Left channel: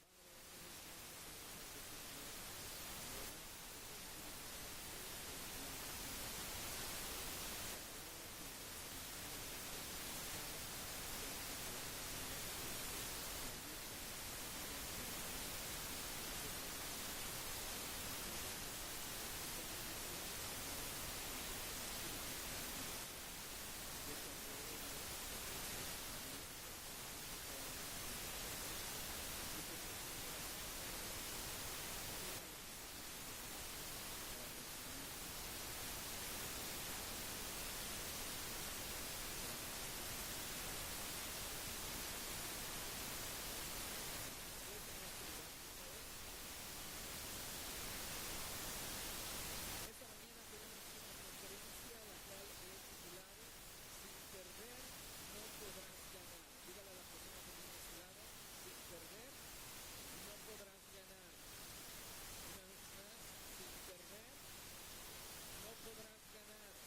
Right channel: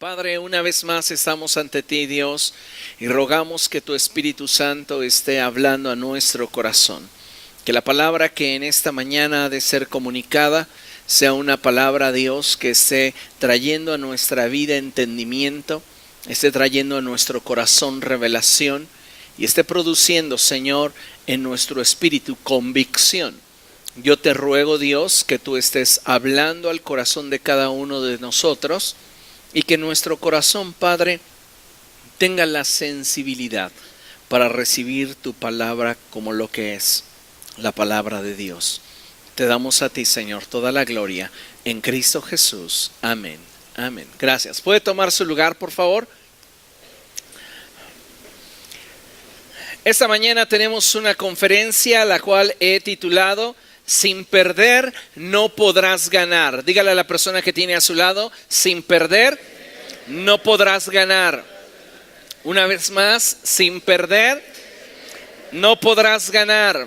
Padre, una vez más estamos ante ti, Dios, y rogamos que tu Espíritu Santo esté hablando a nuestro corazón. Que la palabra que en esta mañana ha de ser comunicada sea una palabra, Dios, que esté trayendo a nuestra vida entendimiento, esté trayendo a nuestro corazón revelación y esté produciendo, Señor, en nuestro espíritu convicción. Yo te ruego, Dios, que tú estés hablando al corazón de cada uno de nosotros y que nuestro corazón, Padre, tenga la sensibilidad para recibir tu palabra como lo que es la palabra de Dios. Te damos a ti, Señor, toda la gloria en Cristo Jesús. Amén. Amén. Gracias. ¿Puede tomar su lugar, por favor? Esta mañana tenemos una conferencia la cual he titulado Sin perder no podrás ganar. Dígale a la persona que tiene a su lado, sin perder no podrás ganar. Una vez más, sin perder no podrás ganar.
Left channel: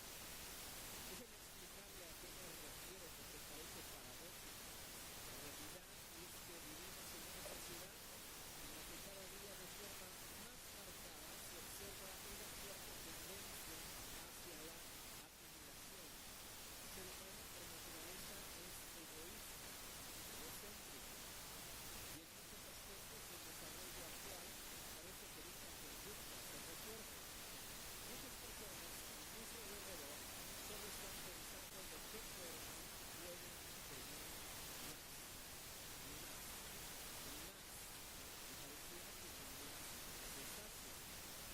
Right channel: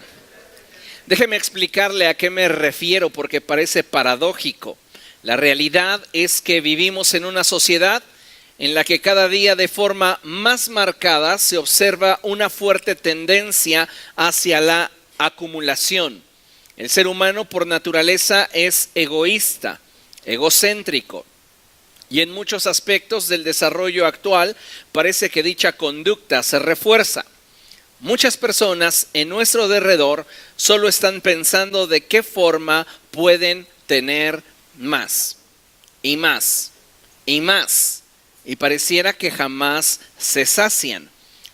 Déjeme explicarle a qué me refiero porque parece paradójico. La realidad es que vivimos en una sociedad en la que cada día de forma más marcada se observa una fuerte tendencia hacia la acumulación. El ser humano por naturaleza es egoísta, egocéntrico, y en muchos aspectos del desarrollo actual parece que dicha conducta se refuerza. Muchas personas en nuestro derredor solo están pensando de qué forma pueden tener más, y más, y más, y pareciera que jamás se sacian.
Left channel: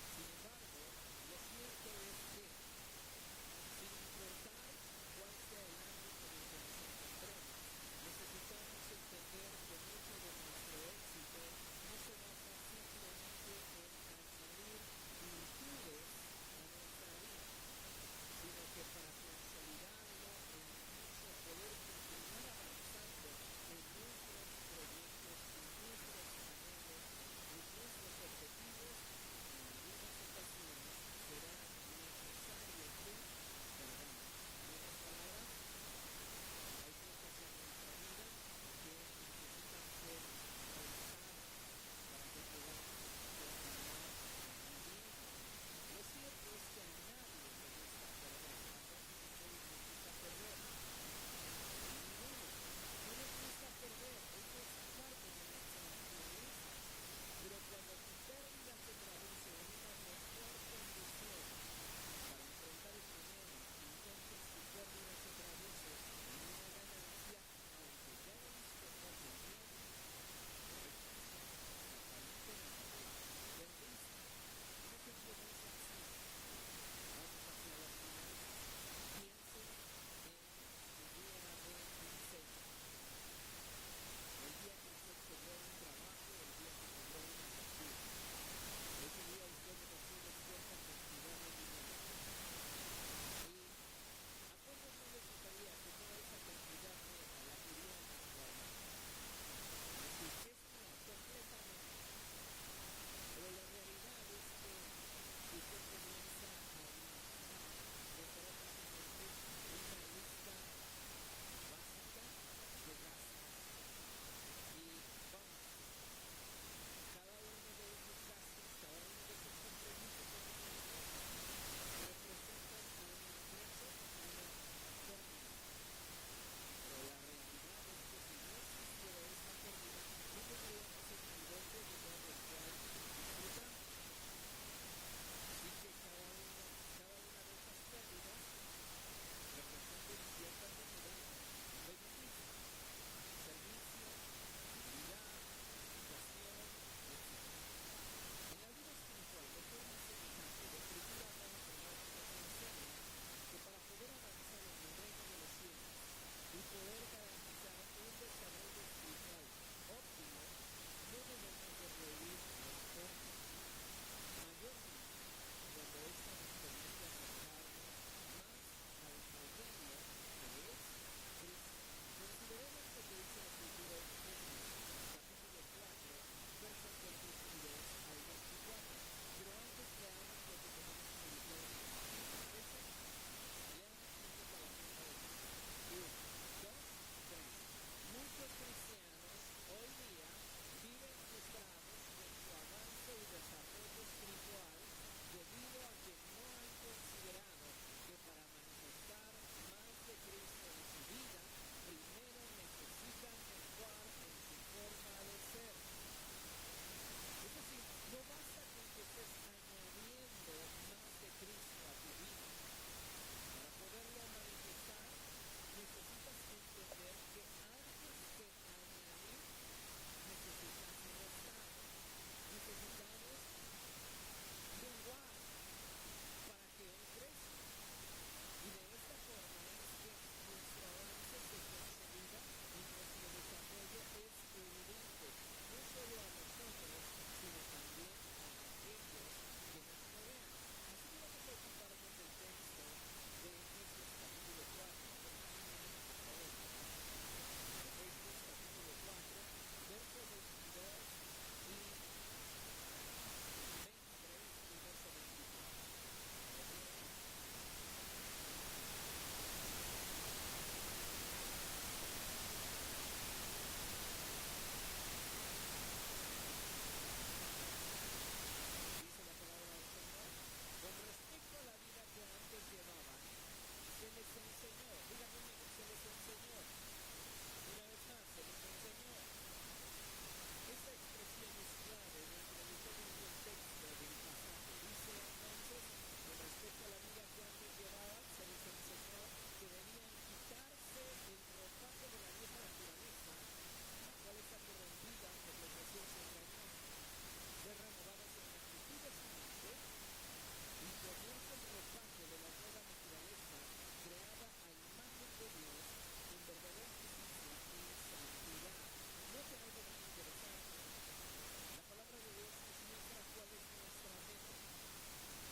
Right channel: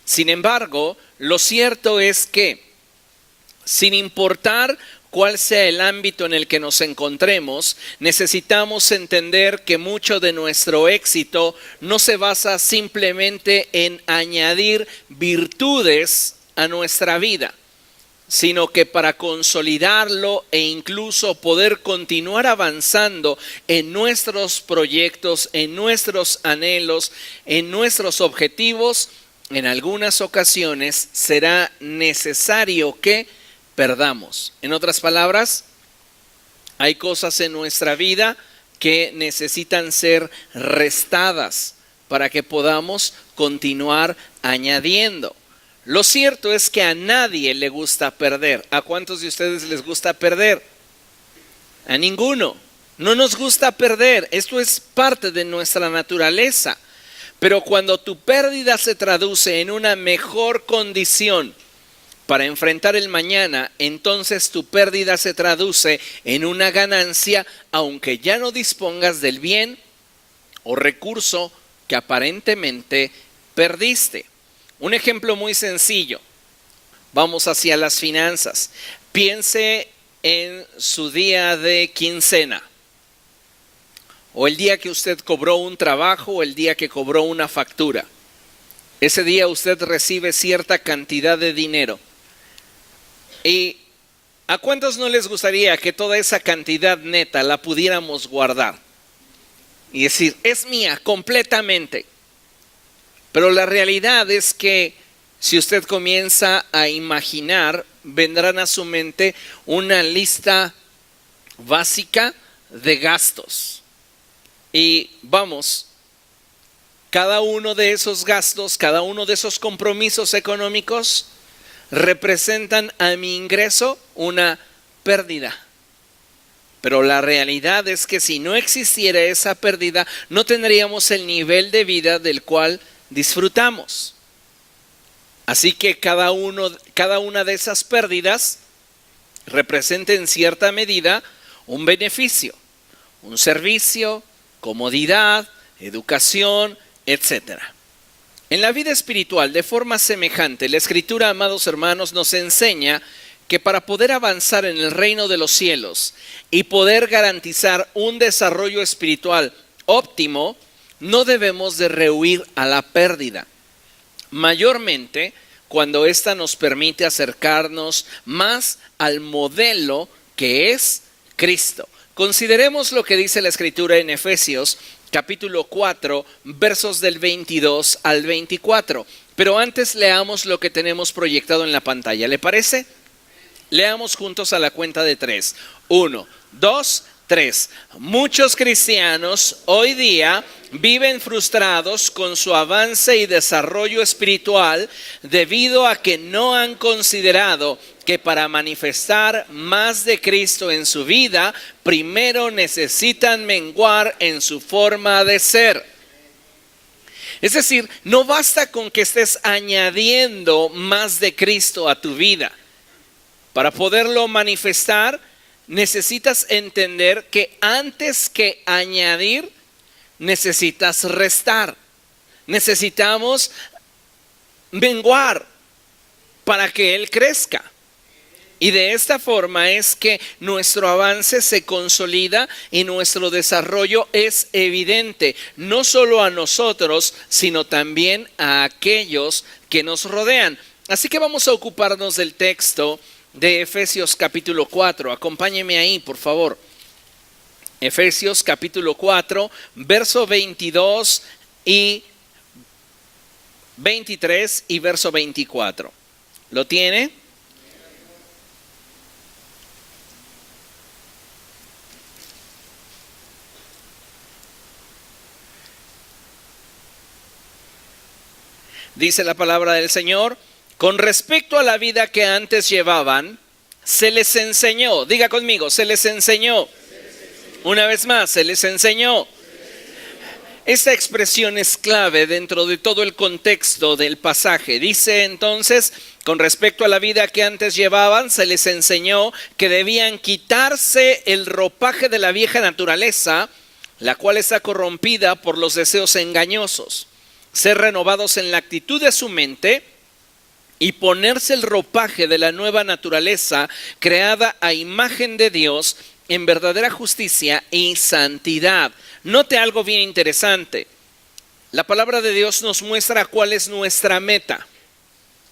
Sin embargo, lo cierto es que, sin importar cuál sea el ámbito en el que nos encontremos, necesitamos entender que mucho de nuestro éxito no se basa simplemente en añadir virtudes a nuestra vida, sino que para consolidarlo e incluso poder continuar avanzando en nuestros proyectos, en nuestros anhelos, en nuestros objetivos, en algunas ocasiones será necesario que perdamos. En otras palabras, hay cosas en nuestra vida que necesitan ser restadas para que podamos continuar añadiendo. Lo cierto es que a nadie le gusta perder. ¿A cuántos de ustedes les gusta perder? A ninguno. No nos gusta perder. Esto es parte de nuestra naturaleza. Pero cuando tu pérdida se traduce en una mejor condición para enfrentar el mañana, entonces tu pérdida se traduce en una ganancia, aunque ya no dispongas del bien o recurso que aparentemente perdiste. Un ejemplo muy sencillo. Vamos hacia las finanzas. Piense en su día de quincena, o el día que usted cobró un trabajo, o el día que cobró una factura. Ese día usted recibe cierta cantidad de dinero. ¿Y a cuántos no les gustaría que toda esa cantidad neta la pudiéramos guardar? Y decir, es mía completamente. Pero la realidad es que si usted comienza a imaginar, vendrán a su mente una lista básica de gastos. Y vamos, cada uno de esos gastos, cada uno de esos compromisos económicos representan a mi ingreso una pérdida. Pero la realidad es que si no existiera esa pérdida, no tendríamos el nivel de vida del cual disfrutamos. Así que cada una de esas pérdidas representa en cierta medida un beneficio, un servicio, comodidad, educación, etc. En la vida espiritual, de forma semejante, la Escritura, amados hermanos, nos enseña que para poder avanzar en el reino de los cielos y poder garantizar un desarrollo espiritual óptimo, no debemos de rehuir a la pérdida, mayormente cuando ésta nos permite acercarnos más al modelo que es Cristo. Consideremos lo que dice la Escritura en Efesios capítulo 4, versos del 22 al 24. Pero antes leamos lo que tenemos proyectado en la pantalla. ¿Le parece? Leamos juntos a la cuenta de 3. 1, 2, 3. Muchos cristianos hoy día viven frustrados con su avance y desarrollo espiritual debido a que no han considerado que para manifestar más de Cristo en su vida, primero necesitan menguar en su forma de ser. Es decir, no basta con que estés añadiendo más de Cristo a tu vida. Para poderlo manifestar, necesitas entender que antes que añadir, necesitas restar. Necesitamos menguar para que Él crezca. Y de esta forma es que nuestro avance se consolida y nuestro desarrollo es evidente, no solo a nosotros, sino también a aquellos que nos rodean. Así que vamos a ocuparnos del texto de Efesios capítulo 4. Acompáñeme ahí, por favor. Efesios capítulo 4, verso 22 y 23 y verso 24. ¿Lo tiene? Dice la palabra del Señor: con respecto a la vida que antes llevaban, se les enseñó. Diga conmigo, se les enseñó. Una vez más, se les enseñó. Esta expresión es clave dentro de todo el contexto del pasaje. Dice entonces, con respecto a la vida que antes llevaban, se les enseñó que debían quitarse el ropaje de la vieja naturaleza, la cual está corrompida por los deseos engañosos. Ser renovados en la actitud de su mente y ponerse el ropaje de la nueva naturaleza creada a imagen de Dios en verdadera justicia y santidad. Note algo bien interesante. La palabra de Dios nos muestra cuál es nuestra meta.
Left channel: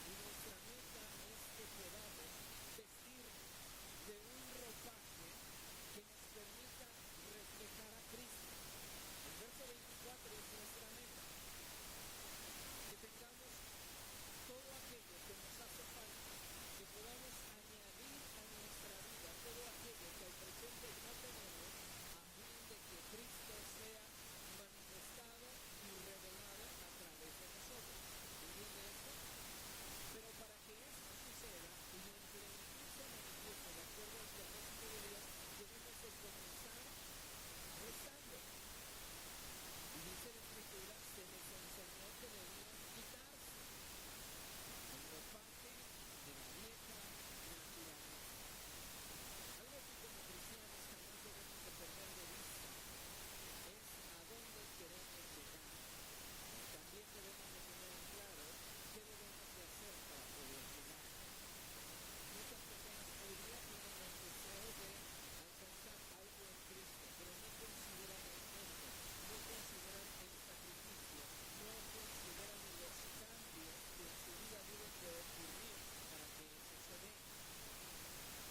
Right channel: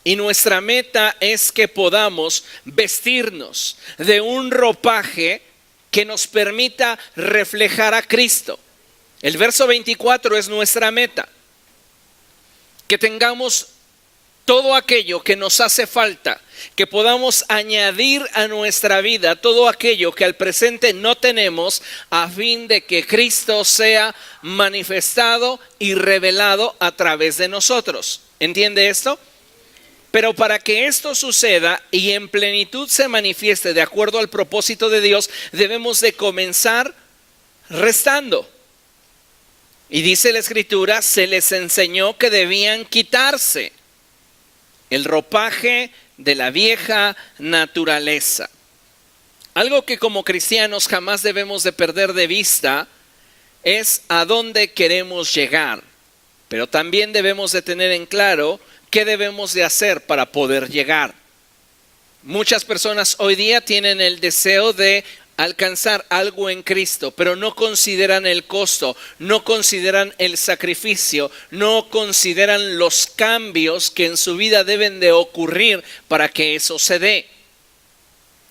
Y nuestra meta es que podamos vestirnos de un ropaje que nos permita reflejar a Cristo. El verso 24 es nuestra meta. Que tengamos todo aquello que nos hace falta, que podamos añadir a nuestra vida todo aquello que al presente no tenemos, a fin de que Cristo sea manifestado y revelado a través de nosotros. ¿Entiende esto? Pero para que esto suceda y en plenitud se manifieste de acuerdo al propósito de Dios, debemos de comenzar restando. Y dice la Escritura, se les enseñó que debían quitarse el ropaje de la vieja naturaleza. Algo que como cristianos jamás debemos de perder de vista es a dónde queremos llegar. Pero también debemos de tener en claro qué debemos de hacer para poder llegar. Muchas personas hoy día tienen el deseo de alcanzar algo en Cristo, pero no consideran el costo, no consideran el sacrificio, no consideran los cambios que en su vida deben de ocurrir para que eso se dé.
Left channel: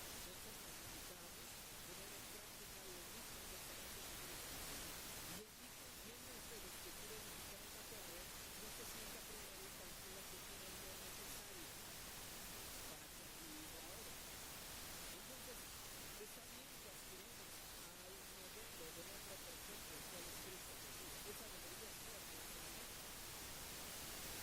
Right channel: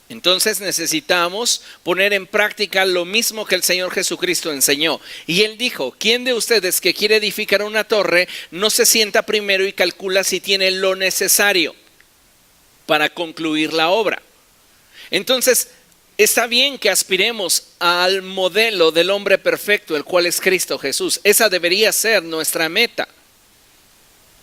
Entonces necesitamos poner en práctica lo mismo que el Señor Jesucristo enseñó. Y Él dijo, ¿quién de ustedes que quiere edificar una torre no se sienta primero y calcula si tiene lo necesario para concluir la obra? Entonces, está bien que aspiremos al modelo del hombre perfecto, el cual es Cristo Jesús. Esa debería ser nuestra meta.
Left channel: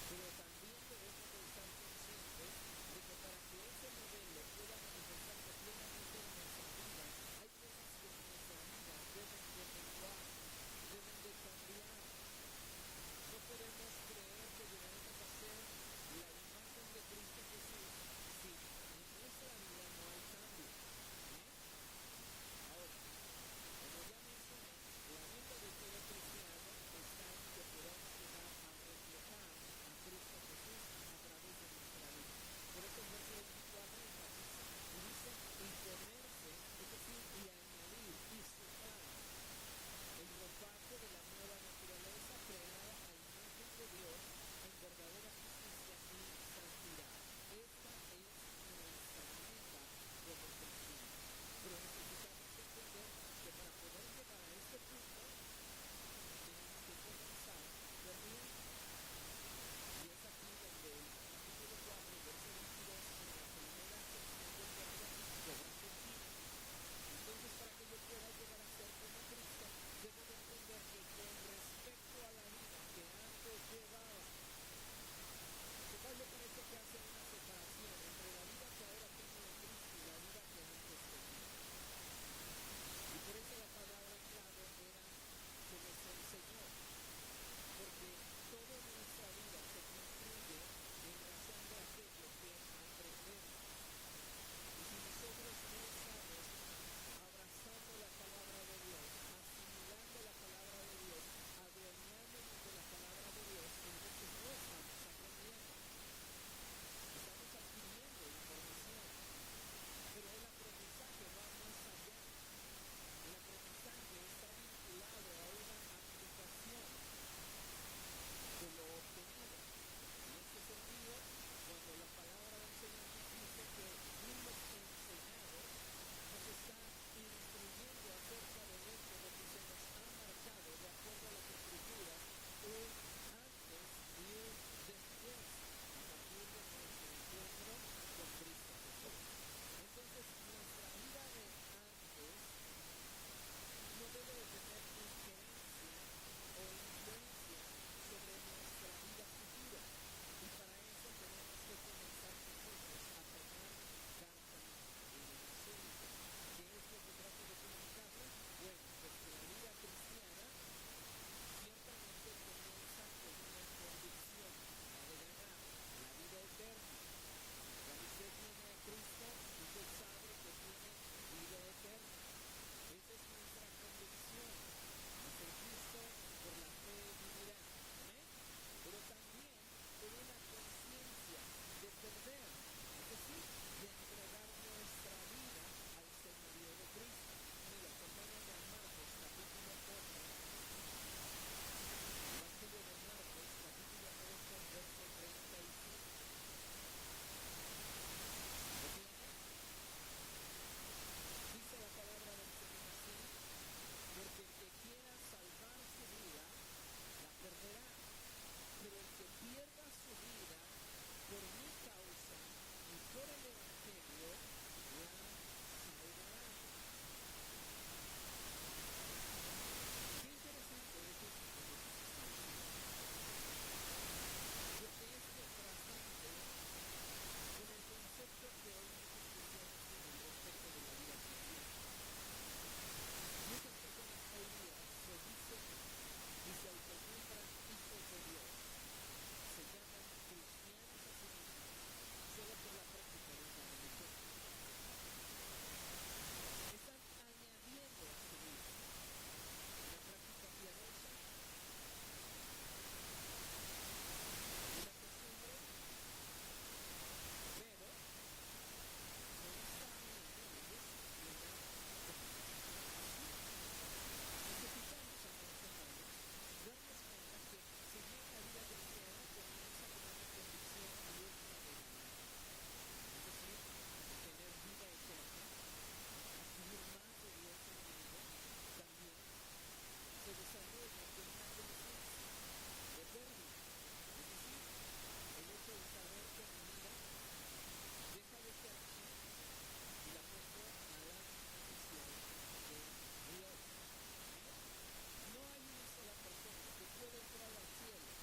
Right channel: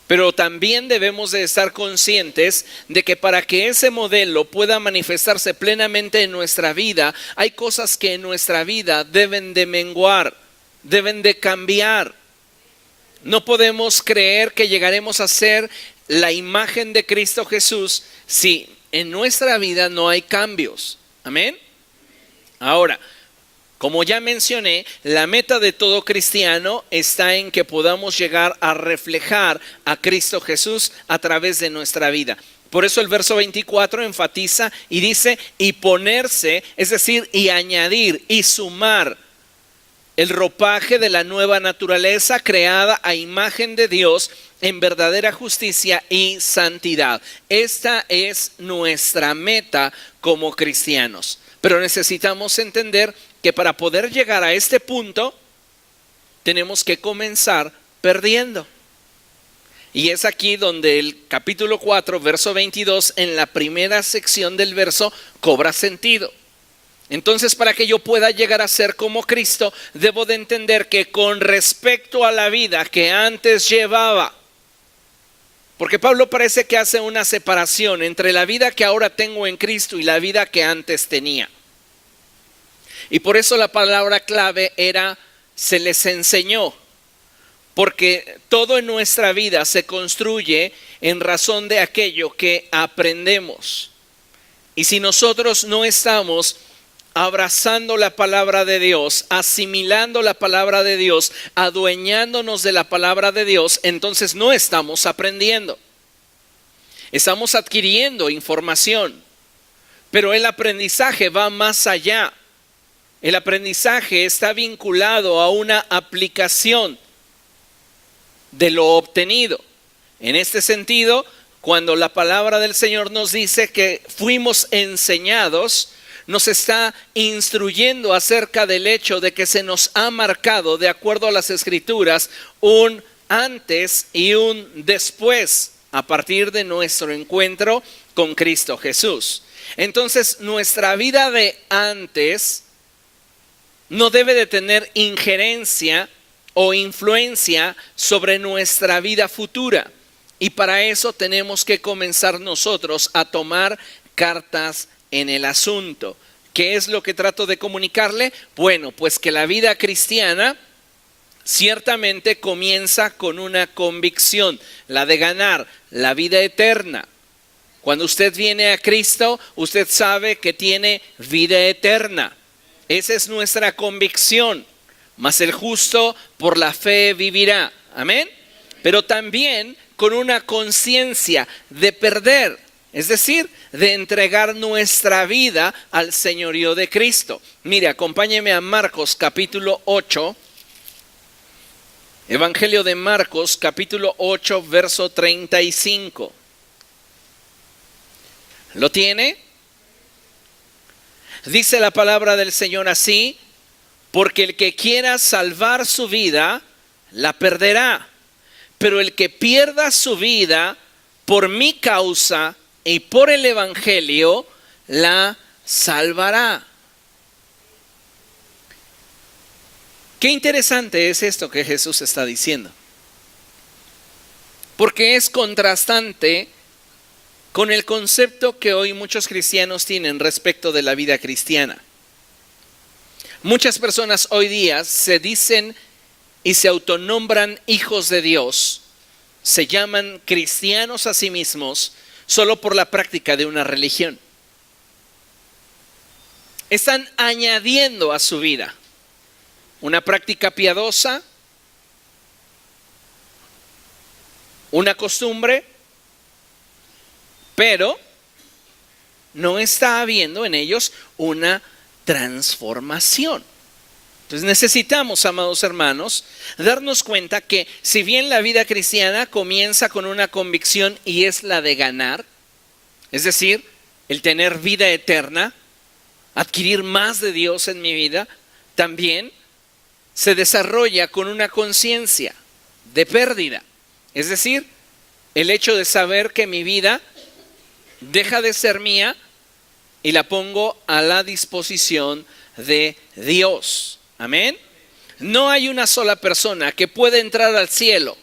Pero también debemos de estar conscientes de que para que ese modelo pueda manifestarse plenamente en nuestra vida, hay cosas que en nuestra vida deben de menguar, deben de cambiar. No podemos creer que llegaremos a ser la imagen de Cristo Jesús si en nuestra vida no hay cambios. Amén. Ahora, como ya mencioné, la meta de todo cristiano está en que podamos llegar a reflejar a Cristo Jesús a través de nuestra vida. Por eso el verso 24 enfatiza y dice, y ponerse, es decir, y añadir y sumar el ropaje de la nueva naturaleza creada a imagen de Dios en verdadera justicia y santidad. Esta es nuestra meta como cristianos. Pero necesitamos entender que para poder llegar a este punto, tenemos que comenzar perdiendo. Y es aquí donde el capítulo 4, verso 22, en la primera sección del verso, cobra sentido. Entonces, para que yo pueda llegar a ser como Cristo, debo de entender que con respecto a la vida que antes llevaba, porque Pablo parece que hace una separación entre la vida que ahora tengo en Cristo y la vida que antes tenía. Y por eso la palabra clave era se les enseñó, porque todo en nuestra vida se construye en razón de aquello que aprendemos. Y si nosotros no estamos abrazando la palabra de Dios, asimilando la palabra de Dios, adueñándonos de la palabra de Dios, entonces no estamos aprendiendo. Estamos adquiriendo información, pero el aprendizaje va más allá. El aprendizaje está vinculado a una aplicación de lo obtenido. En este sentido, cuando la palabra del Señor nos dice que fuimos enseñados, nos está instruyendo acerca del hecho de que se nos ha marcado, de acuerdo a las Escrituras, un antes y un después a partir de nuestro encuentro con Cristo Jesús. Entonces, nuestra vida de antes no debe de tener injerencia o influencia sobre nuestra vida futura. Y para eso tenemos que comenzar nosotros a tomar cartas en el asunto. ¿Qué es lo que trato de comunicarle? Bueno, pues que la vida cristiana ciertamente comienza con una convicción, la de ganar la vida eterna. Cuando usted viene a Cristo, usted sabe que tiene vida eterna. Esa es nuestra convicción. Mas el justo por la fe vivirá. Amén. Pero también con una conciencia de perder, es decir, de entregar nuestra vida al señorío de Cristo. Mire, acompáñeme a Marcos capítulo 8. Evangelio de Marcos capítulo 8, verso 35. ¿Lo tiene? Dice la palabra del Señor así: porque el que quiera salvar su vida, la perderá. Pero el que pierda su vida por mi causa y por el Evangelio, la salvará. Qué interesante es esto que Jesús está diciendo. Porque es contrastante con el concepto que hoy muchos cristianos tienen respecto de la vida cristiana. Muchas personas hoy día se dicen y se autonombran hijos de Dios, se llaman cristianos a sí mismos solo por la práctica de una religión. Están añadiendo a su vida una práctica piadosa, una costumbre, pero no está habiendo en ellos una transformación. Entonces necesitamos, amados hermanos, darnos cuenta que si bien la vida cristiana comienza con una convicción y es la de ganar, es decir, el tener vida eterna, adquirir más de Dios en mi vida, también se desarrolla con una conciencia de pérdida. Es decir, el hecho de saber que mi vida deja de ser mía y la pongo a la disposición de Dios. Amén. No hay una sola persona que pueda entrar al cielo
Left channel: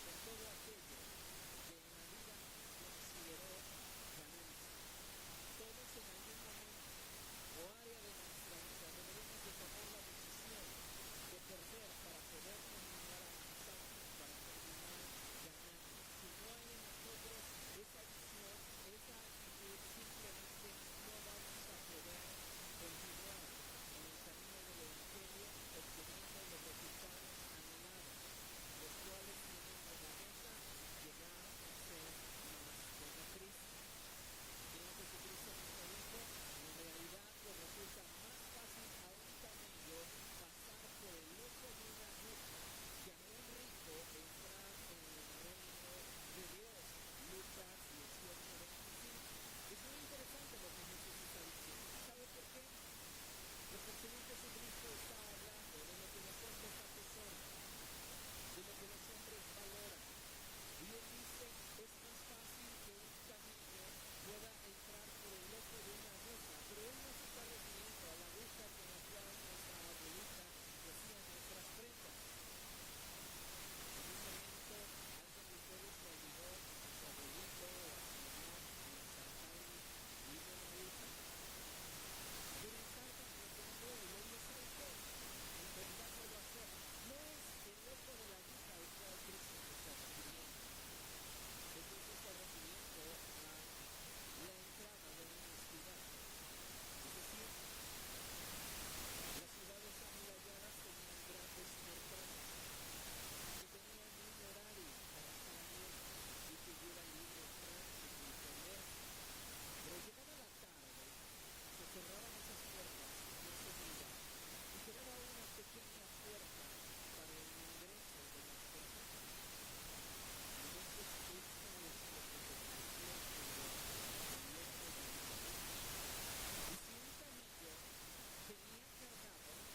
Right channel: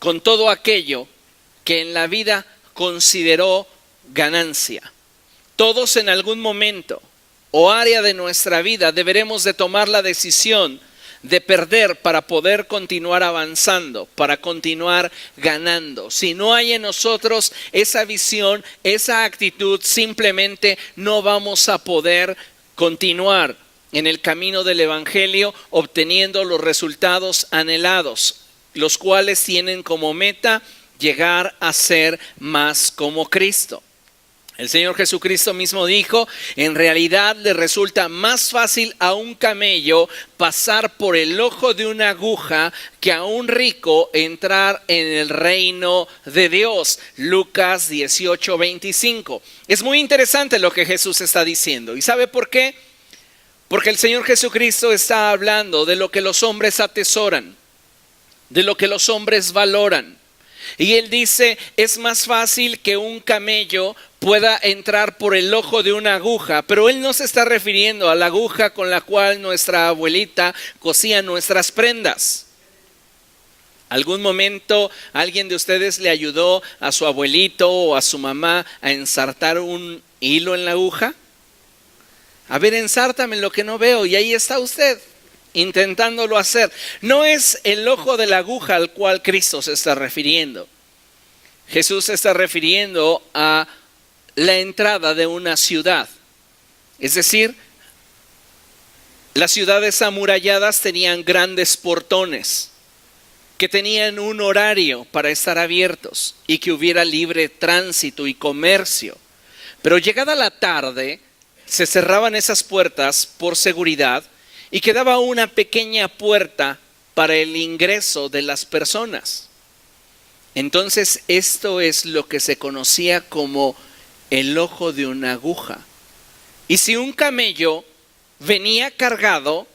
con todo aquello que en la vida consideró ganancia. Todos en algún momento o área de nuestra vida deberemos de tomar la decisión de perder para poder continuar avanzando, para continuar ganando. Si no hay en nosotros esa visión, esa actitud, simplemente no vamos a poder continuar en el camino del Evangelio obteniendo los resultados anhelados, los cuales tienen como meta llegar a ser más como Cristo. El Señor Jesucristo mismo dijo, en realidad le resulta más fácil a un camello pasar por el ojo de una aguja que a un rico entrar en el reino de Dios. Lucas 18:25. Es muy interesante lo que Jesús está diciendo. ¿Y sabe por qué? Porque el Señor Jesucristo está hablando de lo que los hombres atesoran, de lo que los hombres valoran. Y él dice, es más fácil que un camello pueda entrar por el ojo de una aguja, pero él no se está refiriendo a la aguja con la cual nuestra abuelita cosía nuestras prendas. ¿Algún momento alguien de ustedes le ayudó a su abuelito o a su mamá a ensartar un hilo en la aguja? A ver, ensártame lo que no veo, y ahí está usted intentándolo hacer. No es el ojo de la aguja al cual Cristo se está refiriendo. Jesús se está refiriendo a la entrada de una ciudad. Es decir, las ciudades amuralladas tenían grandes portones que tenían un horario para estar abiertos y que hubiera libre tránsito y comercio. Pero llegada la tarde, se cerraban esas puertas por seguridad y quedaba una pequeña puerta para el ingreso de las personas. Entonces, esto es lo que se conocía como el ojo de una aguja. Y si un camello venía cargado,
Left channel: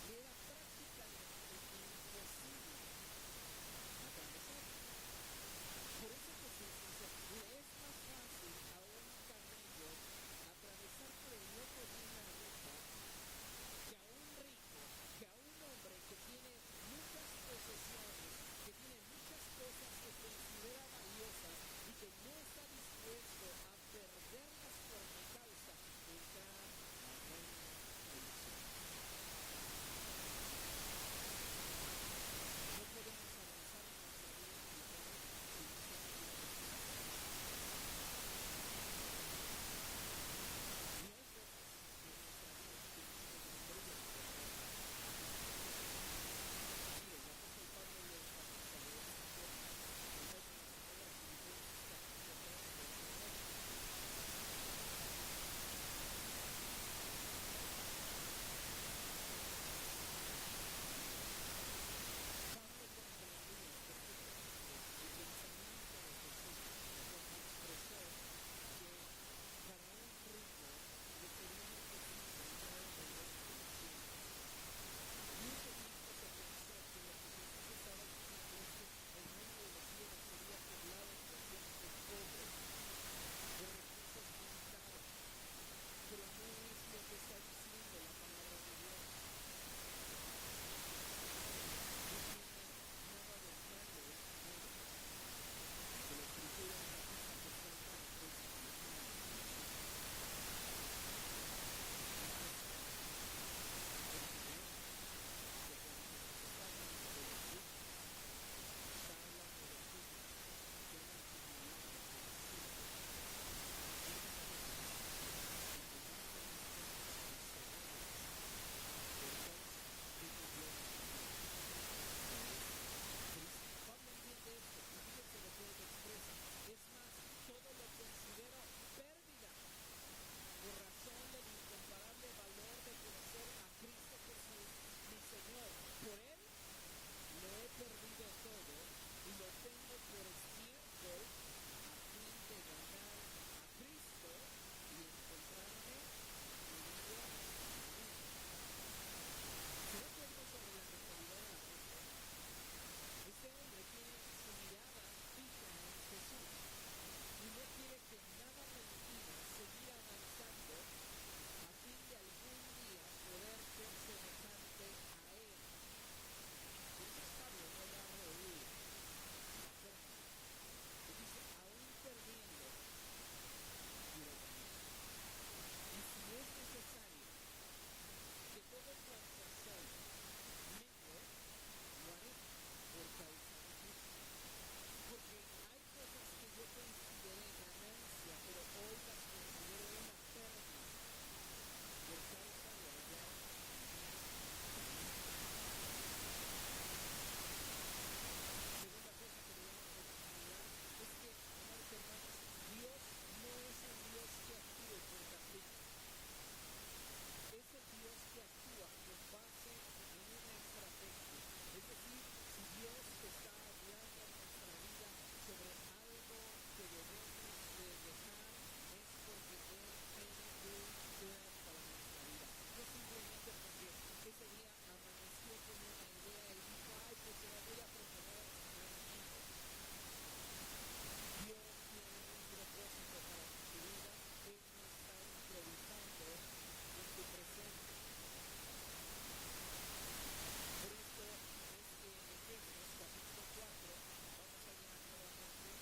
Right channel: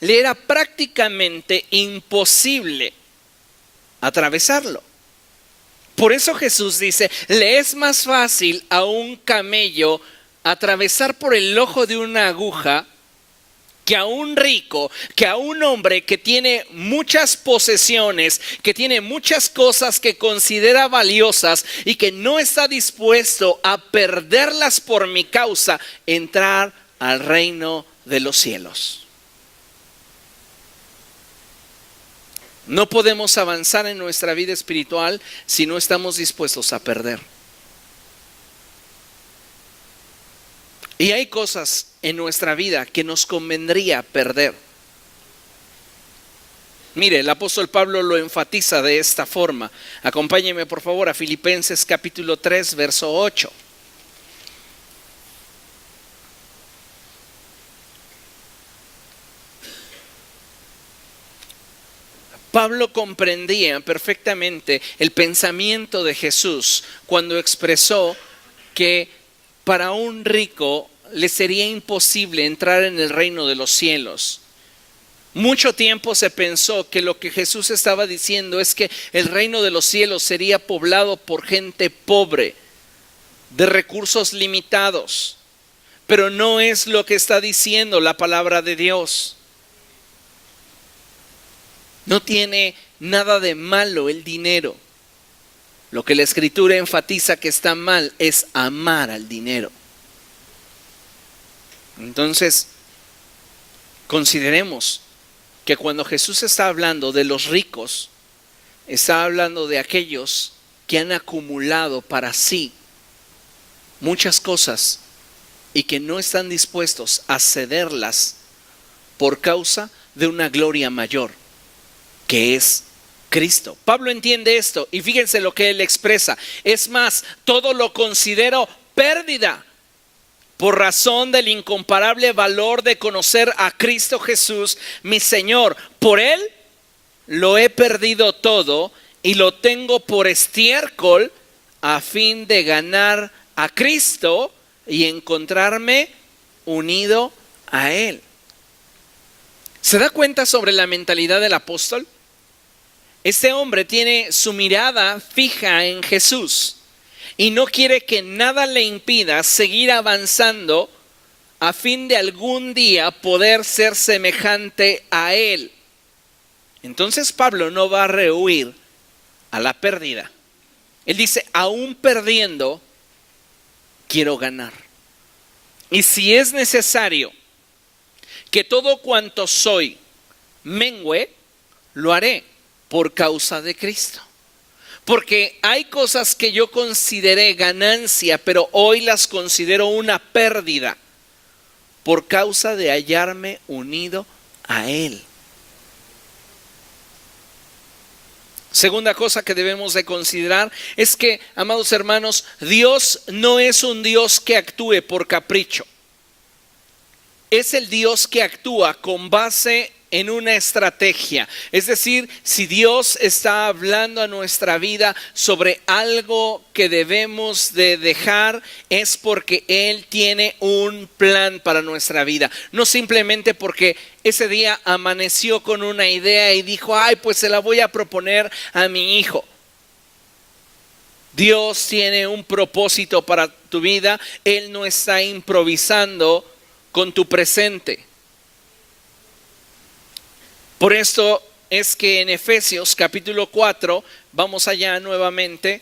le era prácticamente imposible atravesarlo. Por eso Jesús dice, le es más fácil a un camello atravesar por el ojo de una aguja que a un rico, que a un hombre que tiene muchas posesiones, que tiene muchas cosas que considera valiosas y que no está dispuesto a perderlas por mi causa, entrar al reino de los cielos. No podemos avanzar en nuestra vida espiritual si no estamos dispuestos a perder. Y hay cosas en nuestra vida que nos convendría perder. Mire, el apóstol Pablo lo enfatiza de esta forma. Acompáñeme por favor a Filipenses capítulo 3, verso 8. Pablo comprendía perfectamente el pensamiento de Jesús cuando expresó que para un rico le sería imposible entrar en el reino de los cielos. Mucho tiempo se pensó que lo que Jesús estaba diciendo es que el reino de los cielos sería poblado por gente pobre, de recursos limitados. Pero no es lo que está diciendo la palabra de Dios. No tiene nada de malo el dinero. Lo que la Escritura enfatiza que está mal es amar al dinero. Entonces, consideremos que cuando Jesús está hablando de los ricos, está hablando de aquellos que han acumulado para sí muchas cosas y que no están dispuestos a cederlas por causa de una gloria mayor, que es Cristo. Pablo entiende esto y fíjense lo que él expresa. Es más, todo lo considero pérdida por razón del incomparable valor de conocer a Cristo Jesús, mi Señor. Por Él lo he perdido todo y lo tengo por estiércol a fin de ganar a Cristo y encontrarme unido a Él. ¿Se da cuenta sobre la mentalidad del apóstol? Este hombre tiene su mirada fija en Jesús y no quiere que nada le impida seguir avanzando a fin de algún día poder ser semejante a Él. Entonces Pablo no va a rehuir a la pérdida. Él dice, aún perdiendo, quiero ganar. Y si es necesario que todo cuanto soy mengüe, lo haré por causa de Cristo. Porque hay cosas que yo consideré ganancia, pero hoy las considero una pérdida por causa de hallarme unido a Él. Segunda cosa que debemos de considerar es que, amados hermanos, Dios no es un Dios que actúe por capricho. Es el Dios que actúa con base en una estrategia. Es decir, si Dios está hablando a nuestra vida sobre algo que debemos de dejar, es porque Él tiene un plan para nuestra vida. No simplemente porque ese día amaneció con una idea y dijo, ay, pues se la voy a proponer a mi hijo. Dios tiene un propósito para tu vida. Él no está improvisando con tu presente. Por esto es que en Efesios capítulo 4, vamos allá nuevamente.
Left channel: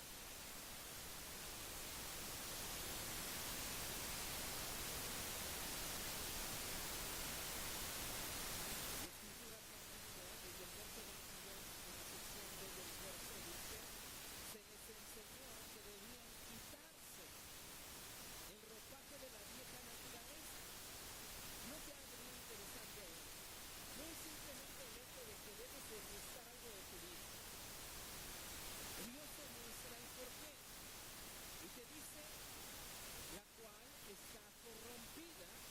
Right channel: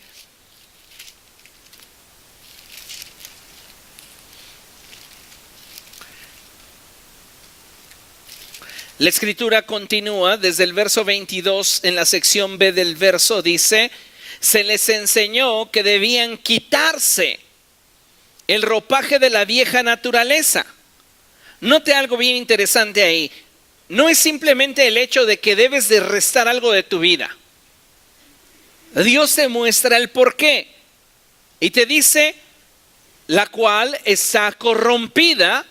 La escritura continúa desde el verso 22 en la sección B del verso, dice: se les enseñó que debían quitarse el ropaje de la vieja naturaleza. Note algo bien interesante ahí. No es simplemente el hecho de que debes de restar algo de tu vida. Dios te muestra el porqué y te dice: la cual está corrompida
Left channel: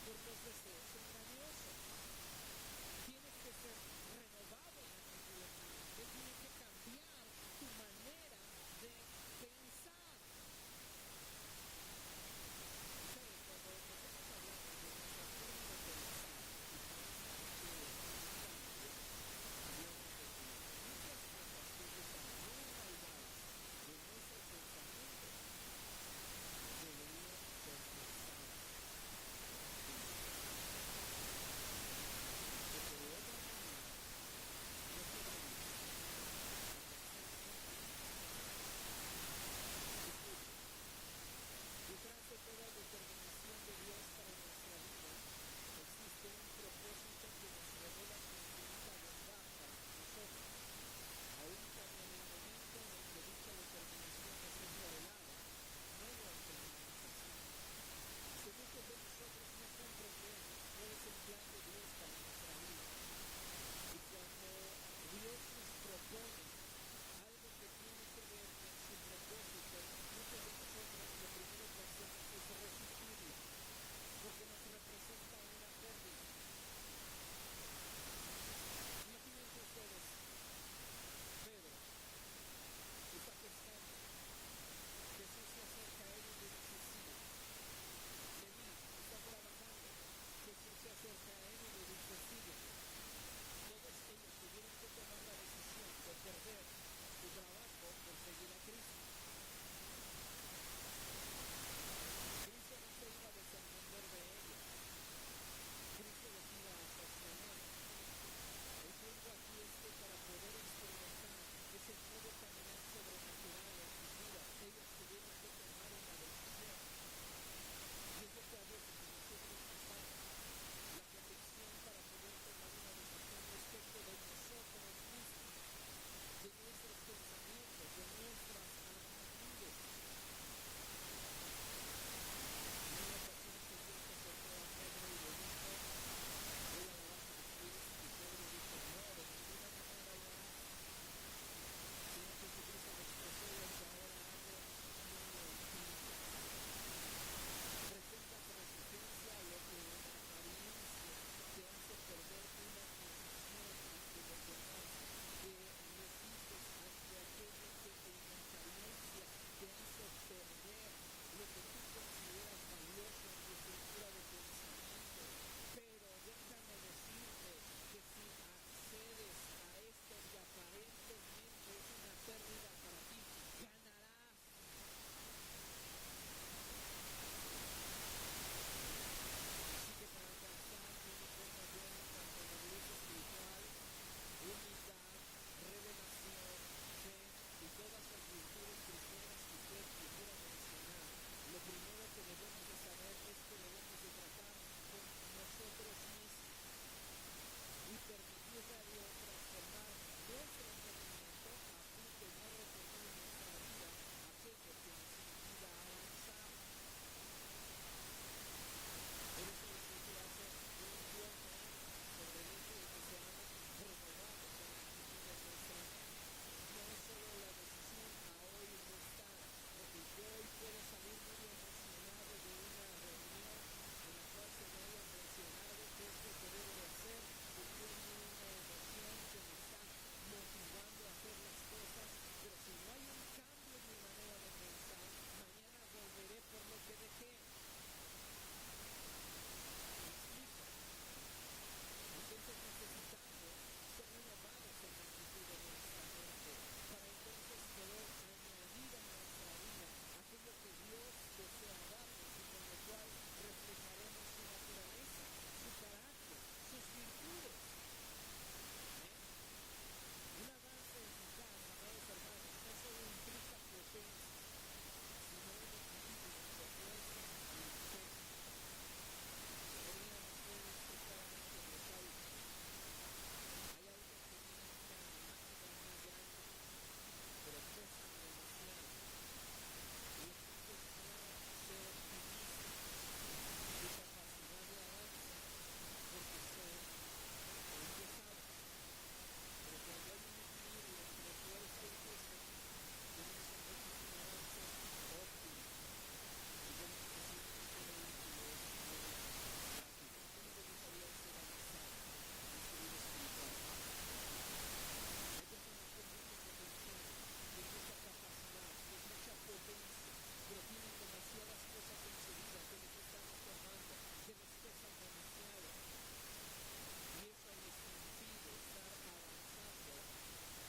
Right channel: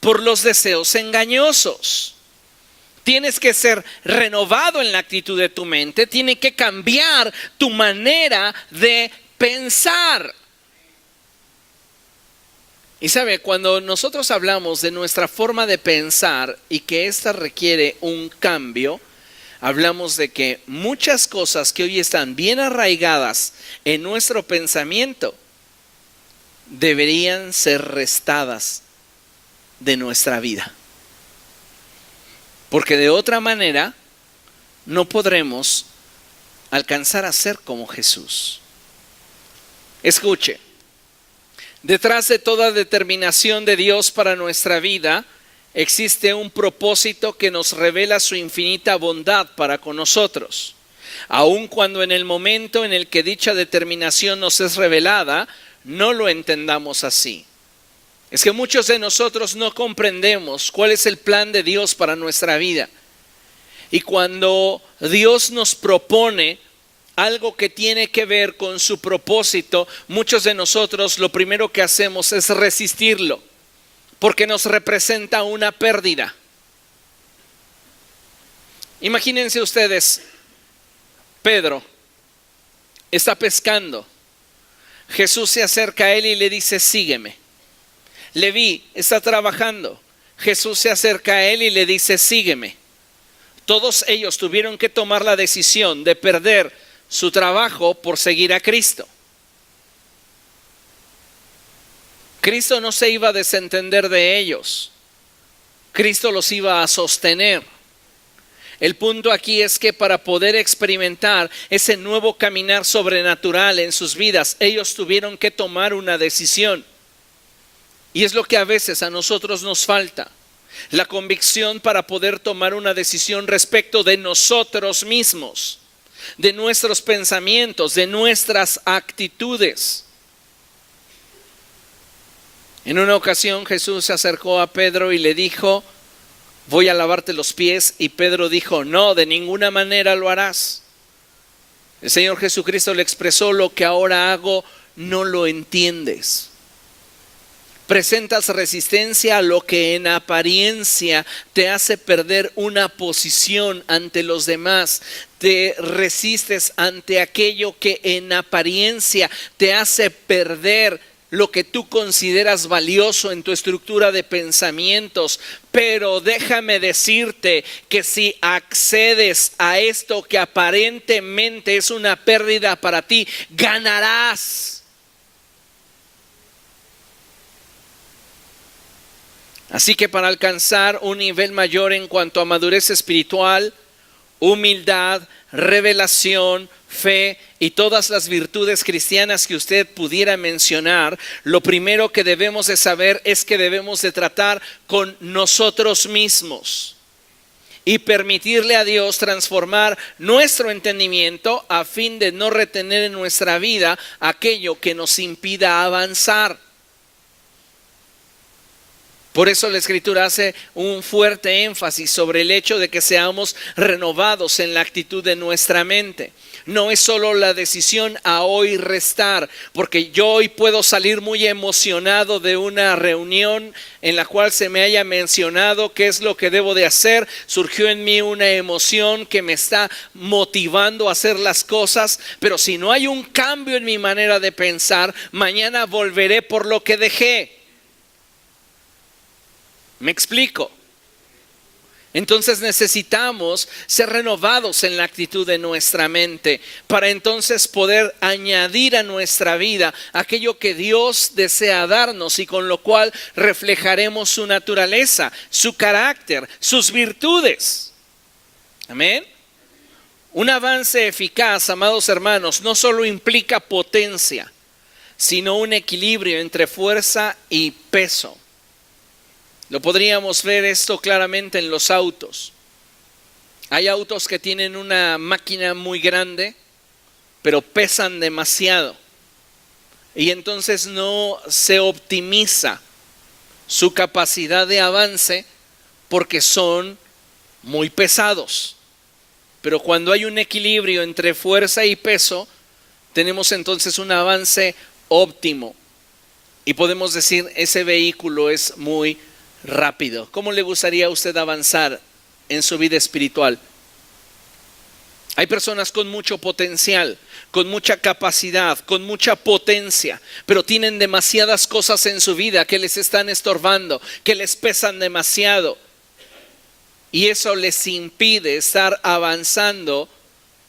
por los deseos engañosos. Tienes que ser renovado en la actitud de tu mente. Tiene que cambiar tu manera de pensar. Y sabe, cuando nosotros hablamos de nuestra forma de pensar y que ésta requiere un cambio, hablamos de que muchas cosas que hoy están bien arraigadas en nuestro pensamiento deberían ser restadas de nuestra vida. Porque de otra manera no podremos alcanzar a ser como Jesús. Escuche, detrás de toda determinación de Dios para nuestra vida existe un propósito que nos revela su infinita bondad para con nosotros. Aun cuando en el momento en el que dicha determinación nos es revelada, no lo entendamos así. Es que muchos de nosotros no comprendemos cuál es el plan de Dios para nuestra vida. Y cuando Dios nos propone algo que tiene que ver con su propósito, muchos de nosotros lo primero que hacemos es resistirlo, porque nos representa una pérdida. Imagínense ustedes, Pedro está pescando. Jesús se acerca a él y le dice: sígueme. Leví está trabajando. Jesús se acerca a él y le dice: sígueme. Todos ellos tuvieron que tomar la decisión de perder su trabajo por seguir a Cristo. Cristo no se iba a desentender de ellos. Cristo los iba a sostener. El punto aquí es que para poder experimentar ese nuevo caminar sobrenatural en sus vidas, ellos tuvieron que tomar una decisión. Y es lo que a veces a nosotros nos falta, la convicción para poder tomar una decisión respecto de nosotros mismos, de nuestros pensamientos, de nuestras actitudes. En una ocasión Jesús se acercó a Pedro y le dijo: voy a lavarte los pies. Y Pedro dijo: no, de ninguna manera lo harás. El Señor Jesucristo le expresó: lo que ahora hago no lo entiendes. Presentas resistencia a lo que en apariencia te hace perder una posición ante los demás. Te resistes ante aquello que en apariencia te hace perder lo que tú consideras valioso en tu estructura de pensamientos. Pero déjame decirte que si accedes a esto que aparentemente es una pérdida para ti, ganarás. Así que para alcanzar un nivel mayor en cuanto a madurez espiritual, humildad, revelación, fe y todas las virtudes cristianas que usted pudiera mencionar, lo primero que debemos de saber es que debemos de tratar con nosotros mismos y permitirle a Dios transformar nuestro entendimiento a fin de no retener en nuestra vida aquello que nos impida avanzar. Por eso la Escritura hace un fuerte énfasis sobre el hecho de que seamos renovados en la actitud de nuestra mente. No es solo la decisión a hoy restar, porque yo hoy puedo salir muy emocionado de una reunión en la cual se me haya mencionado qué es lo que debo de hacer. Surgió en mí una emoción que me está motivando a hacer las cosas, pero si no hay un cambio en mi manera de pensar, mañana volveré por lo que dejé. ¿Me explico? Entonces necesitamos ser renovados en la actitud de nuestra mente para entonces poder añadir a nuestra vida aquello que Dios desea darnos y con lo cual reflejaremos su naturaleza, su carácter, sus virtudes. Amén. Un avance eficaz, amados hermanos, no solo implica potencia, sino un equilibrio entre fuerza y peso. Lo podríamos ver esto claramente en los autos. Hay autos que tienen una máquina muy grande, pero pesan demasiado. Y entonces no se optimiza su capacidad de avance porque son muy pesados. Pero cuando hay un equilibrio entre fuerza y peso, tenemos entonces un avance óptimo. Y podemos decir, ese vehículo es muy rápido. ¿Cómo le gustaría a usted avanzar en su vida espiritual? Hay personas con mucho potencial, con mucha capacidad, con mucha potencia, pero tienen demasiadas cosas en su vida que les están estorbando, que les pesan demasiado. Y eso les impide estar avanzando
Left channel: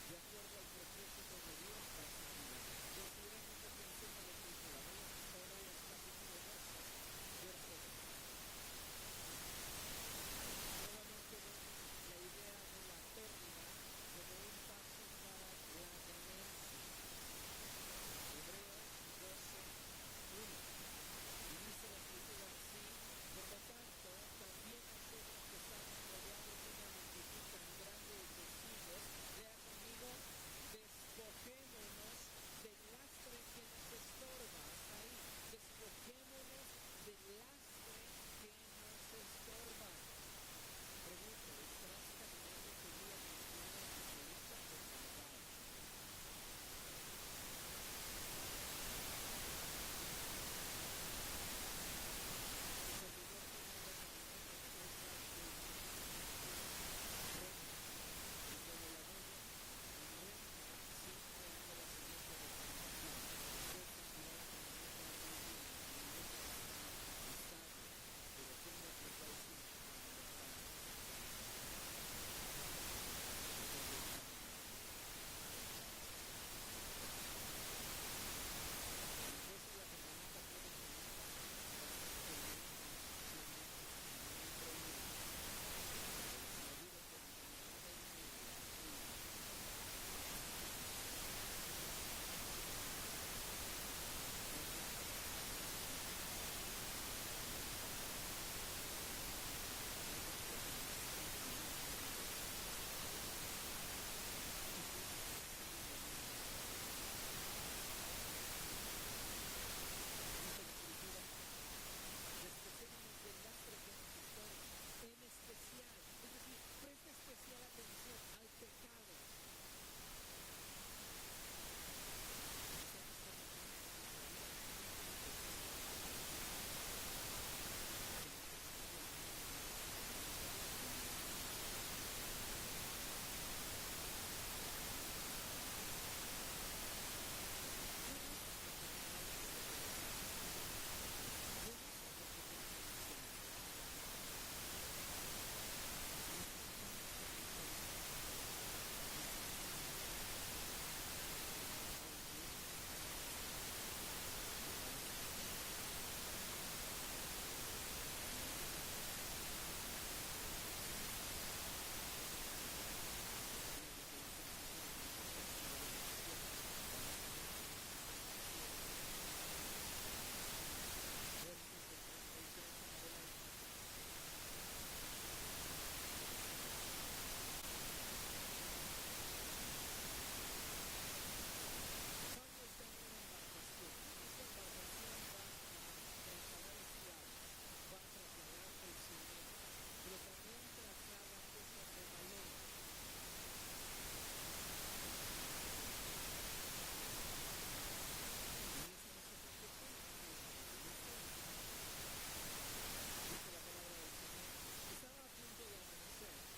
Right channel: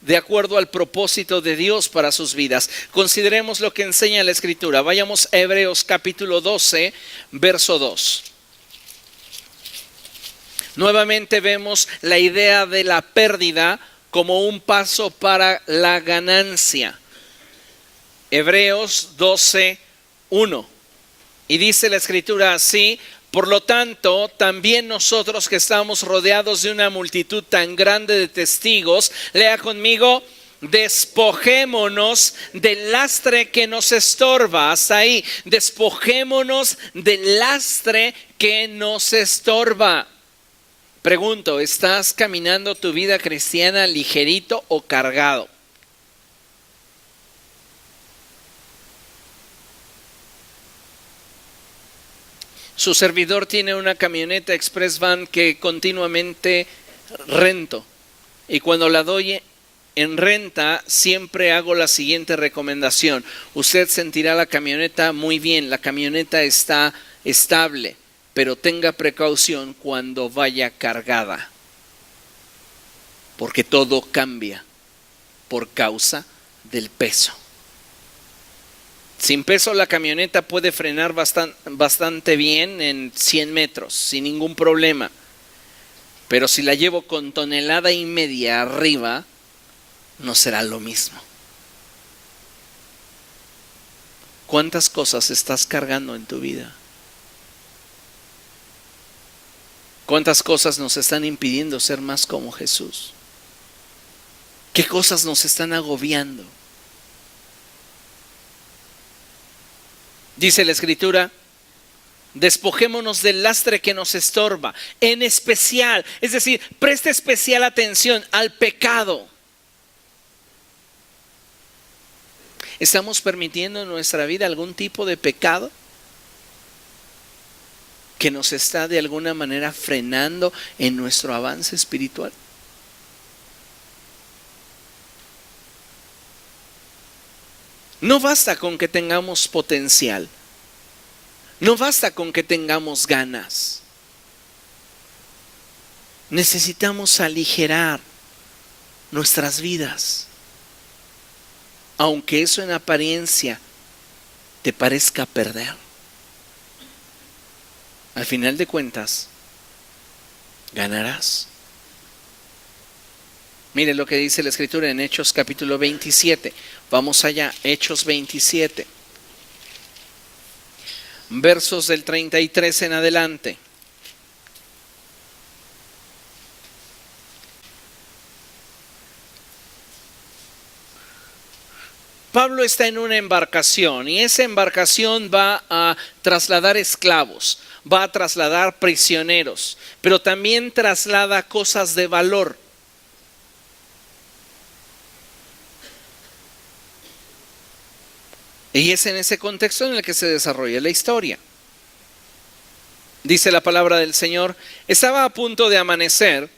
de acuerdo al propósito de Dios para sus vidas. Consideremos lo que enseña la Escritura. Vayamos a Hebreos capítulo 12, verso 2. Nuevamente vemos la idea de la pérdida como un paso para la ganancia. Hebreos 12, 1. Y dice la Escritura así: por lo tanto, también nosotros que estamos rodeados de una multitud tan grande de testigos, lea conmigo, despojémonos del lastre que nos estorba. Hasta ahí, despojémonos del lastre que nos estorba. Pregunto, ¿estás caminando tu vida cristiana ligerito o cargado? Su servidor tiene una camioneta Express Van que continuamente rento. Y cuando la doy en renta, siempre hago la siguiente recomendación. Usted sentirá la camioneta muy bien, la camioneta está estable, pero tenga precaución cuando vaya cargada, porque todo cambia por causa del peso. Sin peso la camioneta puede frenar bastante bien en 100 metros, sin ningún problema. Pero si la llevo con 1,5 toneladas arriba, no será lo mismo. ¿Cuántas cosas estás cargando en tu vida? ¿Cuántas cosas nos están impidiendo ser más como Jesús? ¿Qué cosas nos están agobiando? Dice la Escritura, despojémonos del lastre que nos estorba, en especial, es decir, preste especial atención al pecado. ¿Estamos permitiendo en nuestra vida algún tipo de pecado que nos está de alguna manera frenando en nuestro avance espiritual? No basta con que tengamos potencial, no basta con que tengamos ganas. Necesitamos aligerar nuestras vidas, aunque eso en apariencia te parezca perder. Al final de cuentas, ganarás. Mire lo que dice la Escritura en Hechos capítulo 27. Vamos allá, Hechos 27. Versos del 33 en adelante. Pablo está en una embarcación y esa embarcación va a trasladar esclavos, va a trasladar prisioneros, pero también traslada cosas de valor. Y es en ese contexto en el que se desarrolla la historia. Dice la palabra del Señor, estaba a punto de amanecer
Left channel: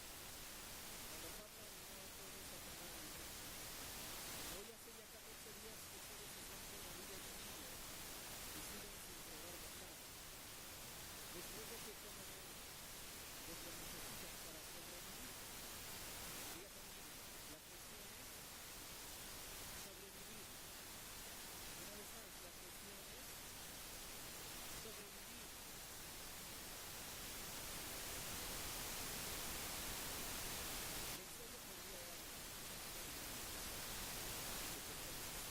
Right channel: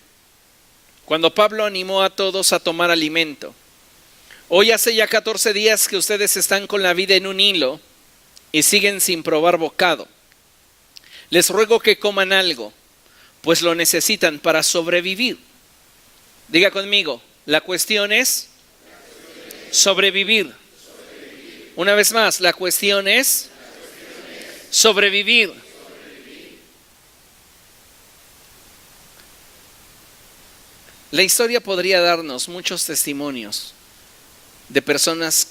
cuando Pablo animó a todos a tomar alimento. Hoy hace ya 14 días que ustedes están con la vida en un hilo y siguen sin probar bocado. Les ruego que coman algo, pues lo necesitan para sobrevivir. Diga conmigo, la cuestión es sobrevivir. Una vez más, la cuestión es sobrevivir. La historia podría darnos muchos testimonios de personas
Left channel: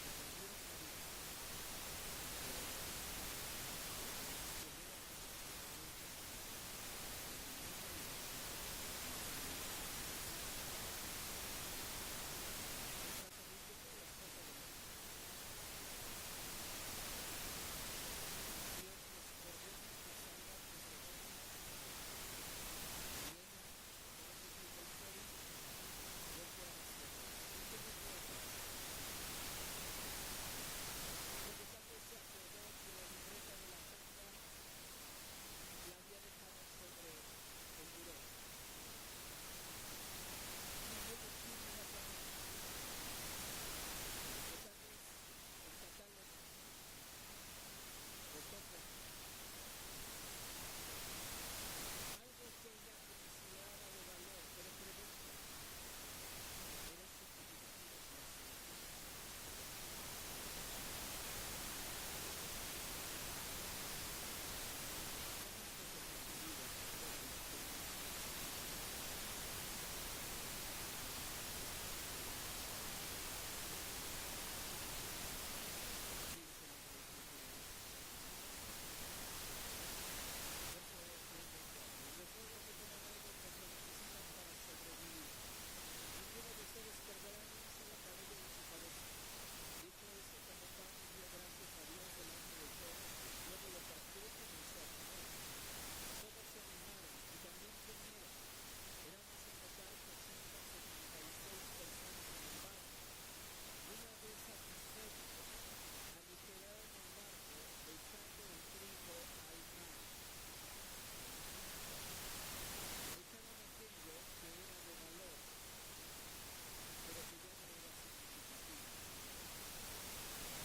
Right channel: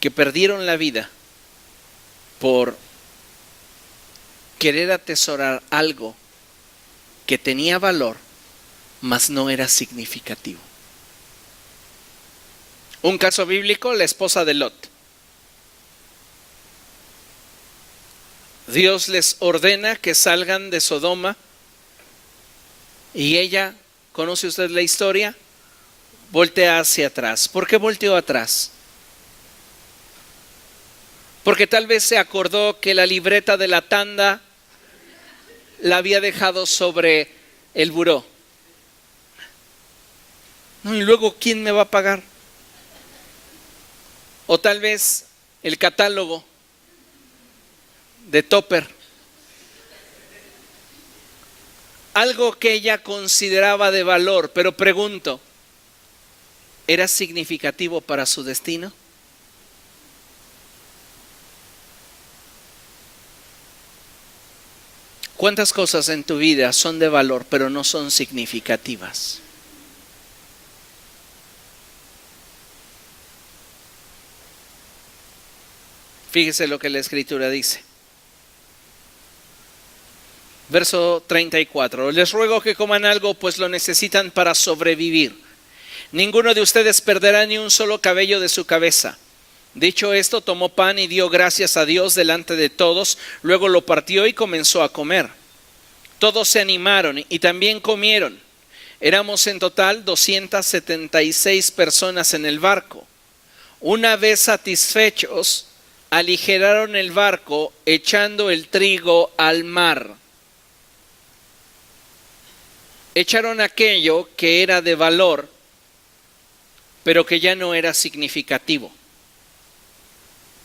que perdieron la vida por querer atesorar algo que tenía valor, mas no era significativo. Un caso bíblico, la esposa de Lot. Dios les ordena que salgan de Sodoma y ella, ¿conoce usted la historia? Voltea hacia atrás. ¿Por qué volteó atrás? Porque tal vez se acordó que la libreta de la tanda la había dejado sobre el buró. No, y luego, ¿quién me va a pagar? O tal vez el catálogo de Topper. Algo que ella consideraba de valor, pero pregunto, ¿era significativo para su destino? ¿Cuántas cosas en tu vida son de valor, pero no son significativas? Fíjese lo que la Escritura dice. Verso 34. Les ruego que coman algo, pues lo necesitan para sobrevivir. Ninguno de ustedes perderá ni un solo cabello de su cabeza. Dicho esto, tomó pan y dio gracias a Dios delante de todos. Luego lo partió y comenzó a comer. Todos se animaron y también comieron. Éramos en total 276 personas en el barco. Una vez satisfechos, aligeraron el barco echando el trigo al mar. Echaron aquello que era de valor, pero que ya no era significativo.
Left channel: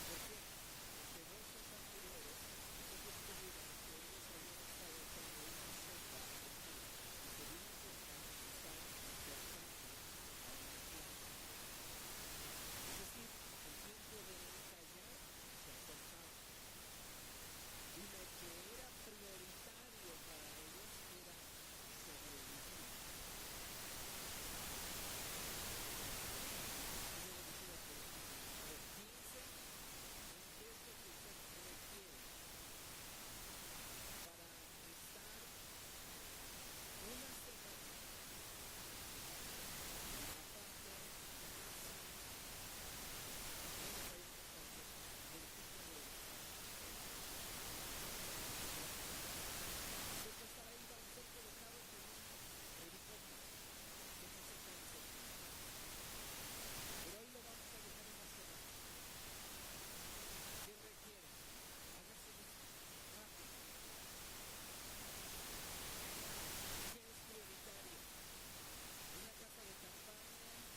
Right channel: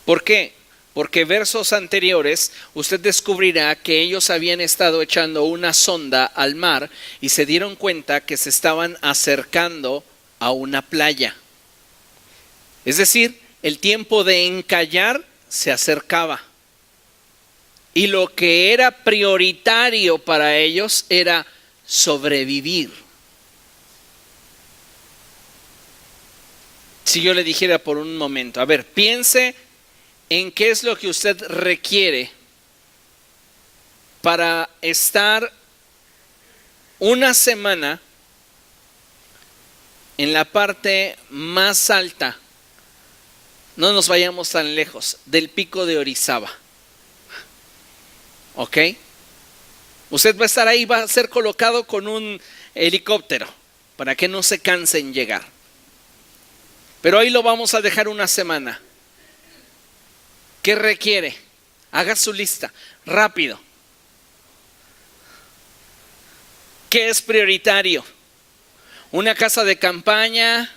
¿Por qué? Porque versos anteriores usted descubrirá que ellos habían estado echando una sonda al mar y se dieron cuenta que se estaban acercando a una playa. Es decir, el tiempo de encallar se acercaba. Y lo que era prioritario para ellos era sobrevivir. Si yo le dijera por un momento, a ver, piense en qué es lo que usted requiere para estar una semana en la parte más alta, no nos vayamos tan lejos, del pico de Orizaba. ¿Ok? Usted va a estar ahí, va a ser colocado con un helicóptero para que no se canse en llegar. Pero ahí lo vamos a dejar una semana. ¿Qué requiere? Haga su lista, rápido. ¿Qué es prioritario? Una casa de campaña,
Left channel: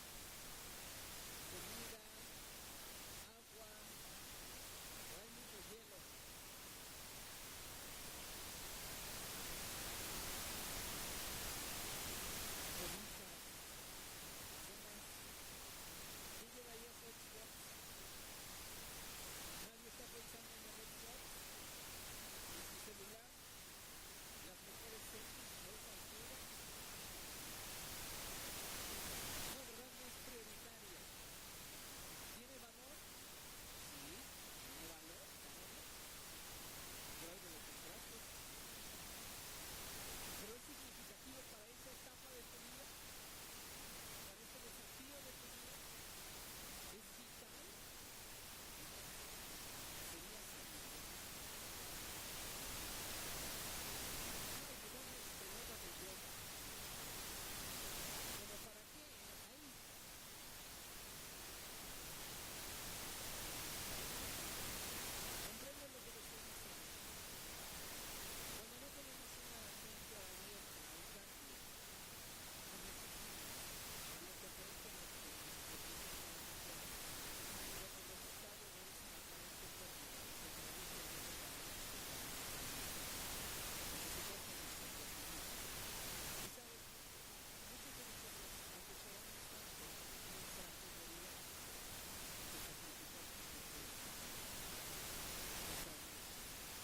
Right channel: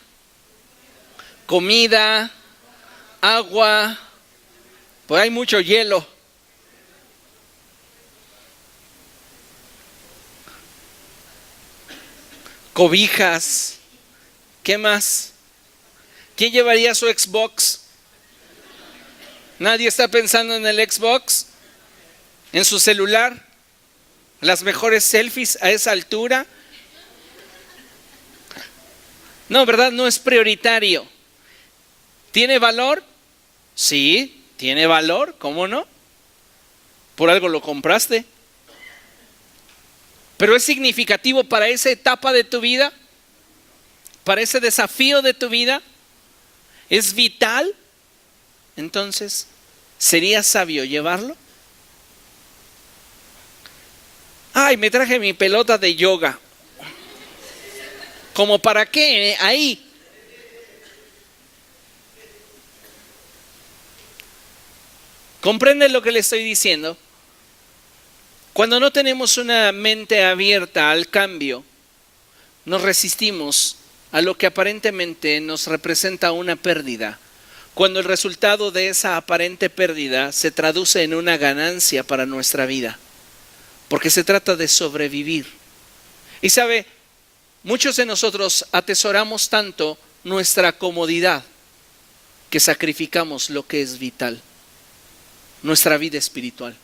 comida, agua, pues hay mucho hielo. Cobijas, ¿qué más? ¿Quién llevaría su Xbox? ¿Nadie está pensando en el Xbox? ¿En su celular? ¿Las mejores selfies a esa altura? No, ¿verdad? No es prioritario. ¿Tiene valor? Sí, tiene valor, ¿cómo no? Por algo lo compraste. Pero es significativo para esa etapa de tu vida, para ese desafío de tu vida, es vital. Entonces, ¿sería sabio llevarlo? Ay, me traje mi pelota de yoga. ¿Cómo para qué? Ahí. ¿Comprende lo que le estoy diciendo? Cuando no tenemos una mente abierta al cambio, nos resistimos a lo que aparentemente nos representa una pérdida, cuando el resultado de esa aparente pérdida se traduce en una ganancia para nuestra vida. porque se trata de sobrevivir. Y sabe, muchos de nosotros atesoramos tanto nuestra comodidad que sacrificamos lo que es vital, nuestra vida espiritual,